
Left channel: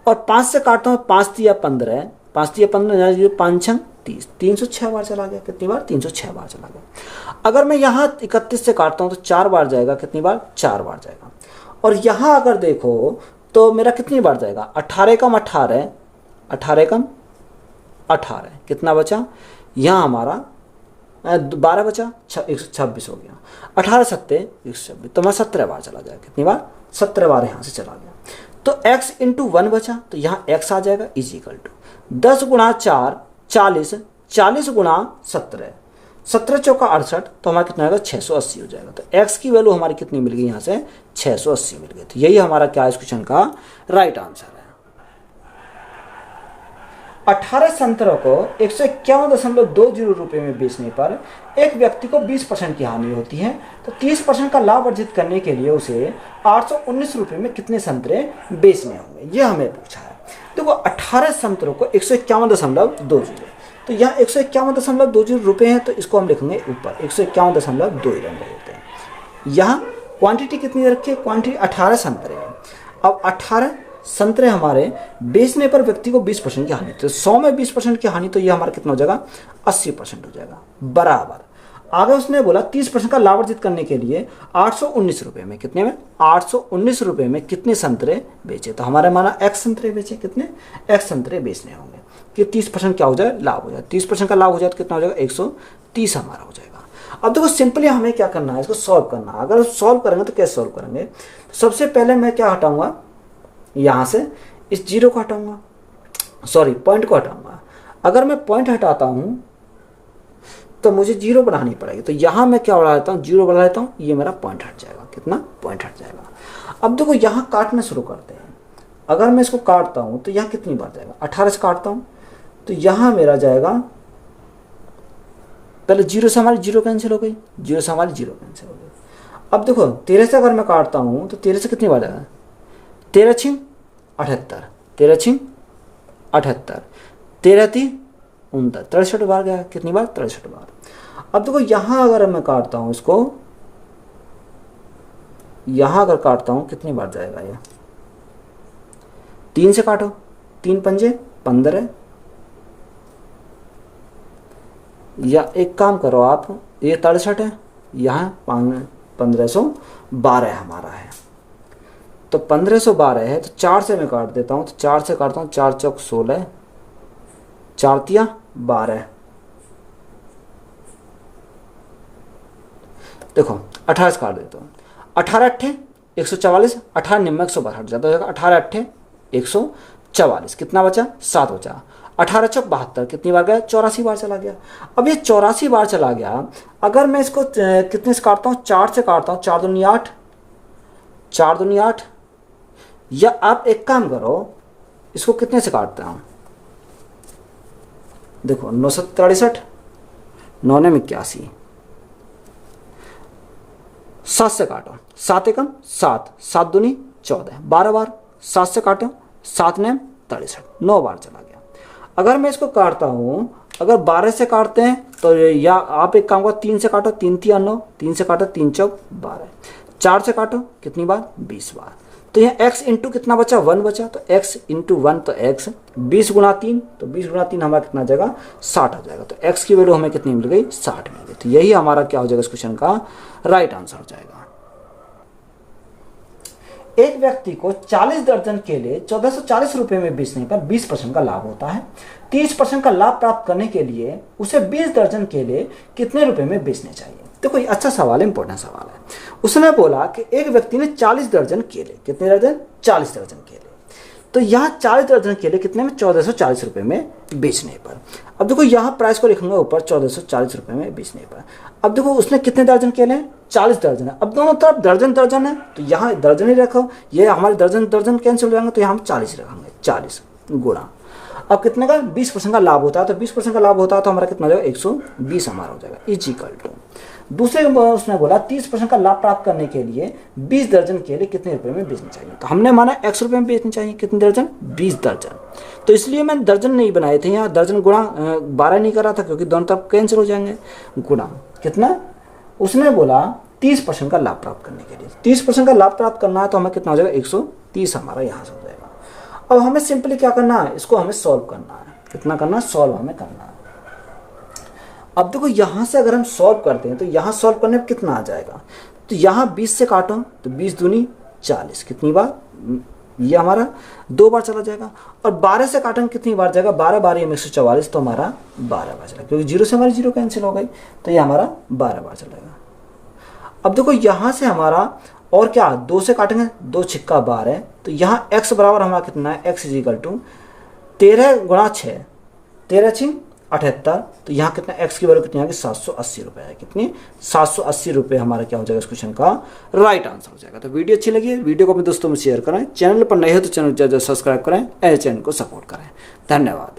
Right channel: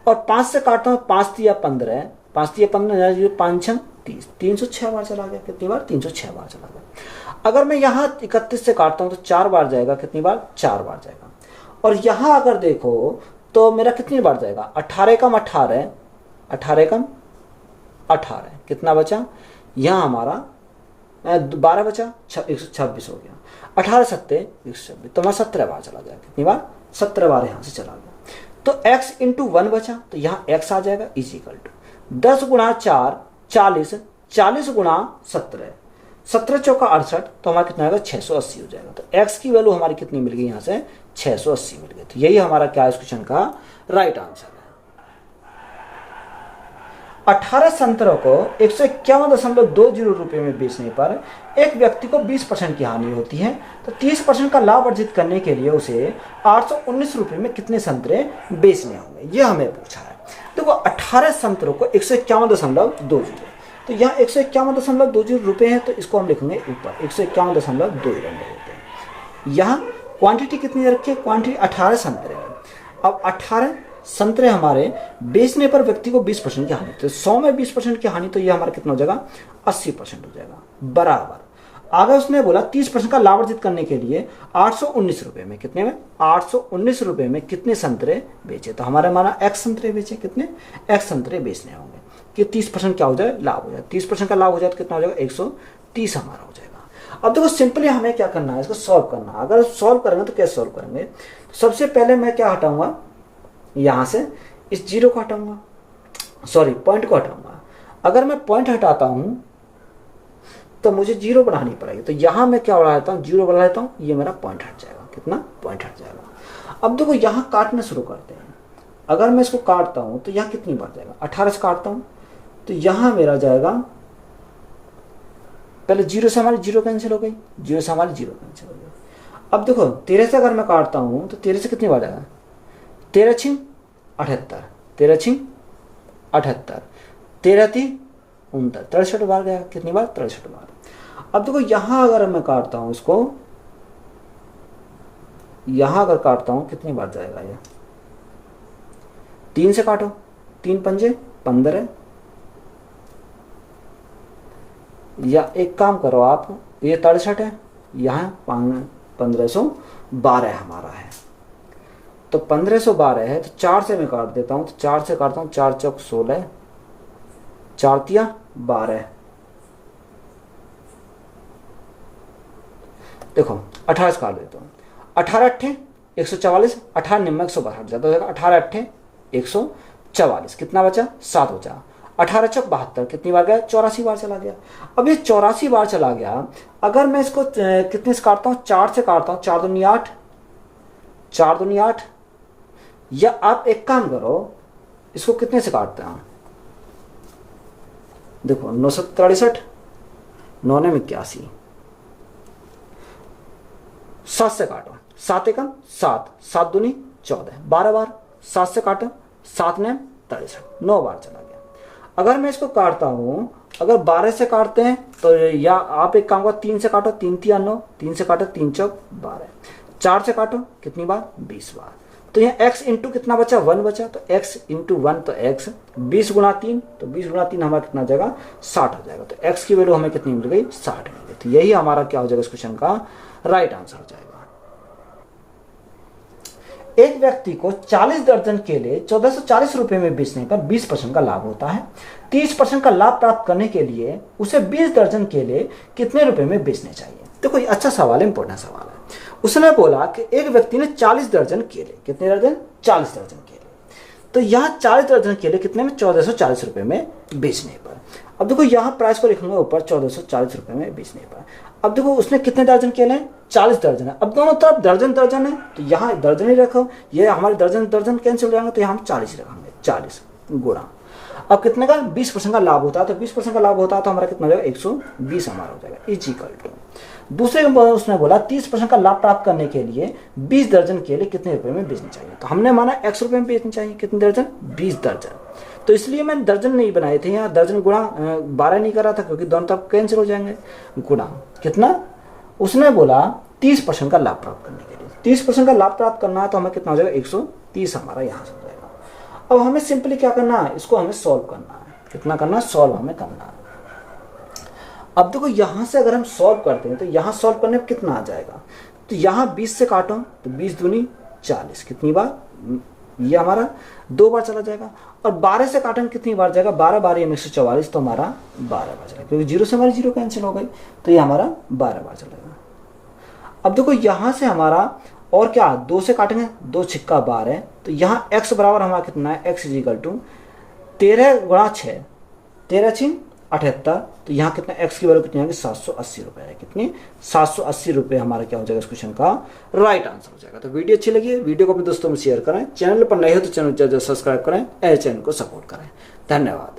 और 5 से काटता हूं 5 × 15 5 × 15 5 × 30 306 बार चला गया, कितनी बार 306 बार चला गया। अगर मैं यहाँ 31 से काटता हूं तो 4 बार जाएगा, कितनी बार 4 बार जाएगा। और यहाँ अगर देखो तो मेरा कितनी बार जाएगा 18 × 18 18 × 18 कितना बचा, यहाँ हमारा 12 बचा 126 हो गया, 18 × 7 126 तो मैं 17 बार चला जाएगा, कितनी बार 17 बार यहाँ से चला गया। तो x × 1 बचा तो यहाँ x आ जाएगा = 10 × 4 40 40 × 17 17 चौका 68 तो हमारा कितना आएगा 680 हो जाएगा। तो x की वैल्यू हमारी कितनी मिल गई यहाँ से 680 मिल गई। तो यही हमारा क्या इस क्वेश्चन का राइट आंसर है। 18 संतरों को 151.20 रुपए में बेचने पर एक व्यक्ति को 20% की हानि होती है, तो 30% का लाभ अर्जित करने के लिए उसे 819 रुपए में कितने संतरे बेचने होंगे, ये हमें पूछा है। देखो 18 संतरों को 151.20, तो यहाँ 151.20 रुपए है तो इसको हम लिखेंगे ऊपर 151.2 होते हैं। यहाँ क्वांटिटी कितनी रखी है, क्वांटिटी 18 संतरे है। अब 18 संतरे हमारे बेचने पर व्यक्ति को 20% की हानि, तो 100 में 20% की हानि तो ये हमारा कितना हो जाएगा 80% हो जाएगा बराबर। आगे उसने बोला 30% का लाभ अर्जित करने के लिए 819 रुपए में, कितने में 819 रुपए में कितने संतरे बेचे, तो हमारे माना x संतरे बेचे, कितने x संतरे बेचने होंगे कि 30% क्या हो जाए लाभ हो जाए। 30% का लाभ हो जाए तो कितना हो जाएगा 130 हमारा हो जाएगा। अब देखो सिंपली हमें क्या करना है, इसको सॉल्व करना है। अगर सॉल्व करेंगे तो कैसे सॉल्व करेंगे, सबसे पहले मैं क्या हटाऊंगा, यहां से इस 0 को हटाऊंगा, सॉरी पॉइंट को हटाऊंगा। अगर मैं पॉइंट हटाता हूं तो मुझे 0 बढ़ानी पड़ेगी, तो यहां मैं क्या बढ़ा देता हूं 0 बढ़ा देता हूं, ये मेरा पॉइंट हट जाएगा, कितना पॉइंट हट जाएगा। अब देखो यहां काटना शुरू करते हैं। अगर मैं इसको काटता हूं तो यहां कितनी बार जाएगा, 18 से काटता हूं तो यहां मेरा जाएगा, पहले 0 से हमारी 0 कैंसिल हो गई, 0 से हमारी 0 कैंसिल हो गई। अब देखो 13 से अगर मैं काटता हूं तो 13 से कितनी बार जाएगा 13 × 6 78 13 × 6 78 13 × 3 69 63 बार गया, कितनी बार 63 बार। अब देखो यहां अगर मैं काटता हूं इसको, यहां अगर काटता हूं कितनी बार जाएगा, ये 3 से काटो, 3 × 5 15, या एक काम करो आप, ये 63 है, यहाँ 1512 हमारा है। तो 1512 है तो 4 से मैं काट देता हूँ, तो 4 से काटता हूँ, 4 चौक 16, 4 तिया 12, देखो 18 से काट देता हूँ, 18 अट्ठे 144, 18 निम्न 112 हट जाता है, 18 अट्ठे 144, कितना बचा 7 बचा, 18 चौक 72, कितनी बार गया 84 बार चला गया। अब ये 84 बार चला गया, अगर मैं इसको कितने से काटता हूँ, 4 से काटता हूँ, 4 दूनी 8, 4 दूनी 8, या आप एक काम करो इसको कितने से काटते हैं, देखो 963, 9 ने 81, 7 से काटो, 7 एकम 7, 7 दूनी 14, 12 बार 7 से काटो, 7 ने 63, 9 बार चला गया। अगर मैं इसको काटता हूं, अगर 12 से काटते हैं तो या आप एक काम करो 3 से काटो, 3 तिया 9, 3 से काटो 3 चौक 12, 4 से काटो कितनी बार 20 बार, तो यहाँ x इंटू कितना बचा 1 बचा, तो x इंटू 1 तो x, 20 गुणा 3, तो 20 गुणा 3 हमारा कितना आ जाएगा 60 हो जाएगा, तो x की वैल्यू हमें कितनी मिल गई 60 मिल गई। तो यही हमारा क्या हो जाएगा इस क्वेश्चन का राइट आंसर हो जाएगा। एक व्यक्ति को 40 दर्जन केले 1440 रुपए में बेचने पर 20% का लाभ होता है। 30% का लाभ प्राप्त करने के लिए उसे 20 दर्जन केले कितने रुपए में बेचने चाहिए। देखो ये अच्छा सवाल है, इंपॉर्टेंट सवाल है। उसने बोला कि एक व्यक्ति ने 40 दर्जन केले, कितने दर्जन 40 दर्जन केले, तो यहाँ 40 दर्जन केले कितने में 1440 रुपए में बेचने पर। अब देखो यहाँ प्राइस को लिखूंगा ऊपर 1440 रुपए में बेचने पर। अब देखो उसने कितने दर्जन केले हैं 40 दर्जन है, अब दोनों तरफ दर्जन दर्जन है तो यहाँ दर्जन ही रखो, ये हमारे दर्जन दर्जन कैंसिल हो जाएंगे, तो यहाँ हम 40 रखेंगे, 40 गुणा, अब कितने का 20% का लाभ होता है, तो 20% का लाभ होता है तो हमारा कितना हो जाएगा 120 हमारा हो जाएगा इज इक्वल टू। दूसरे उसने बोला 30% का लाभ प्राप्त करने के लिए 20 दर्जन केले कितने रुपए में बेचने चाहिए, तो हमने माना x रुपए में बेचने चाहिए, कितने दर्जन 20 दर्जन, तो इसलिए मैंने दर्जन नहीं बनाए थे, यहाँ दर्जन गुणा 12 नहीं करा था क्योंकि दोनों तरफ कैंसिल हो जाएंगे, गुणा कितना, उसने बोला 30% का लाभ प्राप्त करने के लिए, 30% का लाभ प्राप्त करना है तो हमें कितना हो जाएगा 130 हमारा यहाँ से हो जाएगा। अब हमें सिंपली क्या करना है, इसको हमें सॉल्व करना है, कितना करना है सॉल्व हमें करना है। अब देखो यहाँ से अगर हम सॉल्व करते हैं तो यहाँ सॉल्व करने पर कितना आ जाएगा, तो यहाँ 20 से काटो तो 20 दूनी 40, कितनी बार, ये हमारा 2 बार चला जाएगा, और 12 से काटेंगे कितनी बार जाएगा 12 बार, ये 144 तो हमारा 12 बार चला, क्योंकि 0 से हमारी 0 कैंसिल हो गई तो ये हमारा 12 बार चलेगा। अब देखो यहाँ से हमारा और क्या 2 से काटेंगे, 2 छिक्का 12 है, तो यहाँ x बराबर हमारा कितना है x इज इक्वल टू 13 गुणा 6, 13 6 78, तो यहाँ कितना x की वैल्यू कितनी आएगी 780 रुपए है, कितनी 780 रुपए हमारा क्या हो जाएगा इस क्वेश्चन का राइट आंसर हो जाएगा। तो वीडियो अच्छी लगी है, वीडियो को अपने दोस्तों में शेयर करें, चैनल पर नए हो तो चैनल सब्सक्राइब करें, चैनल को सपोर्ट करें। धन्यवाद।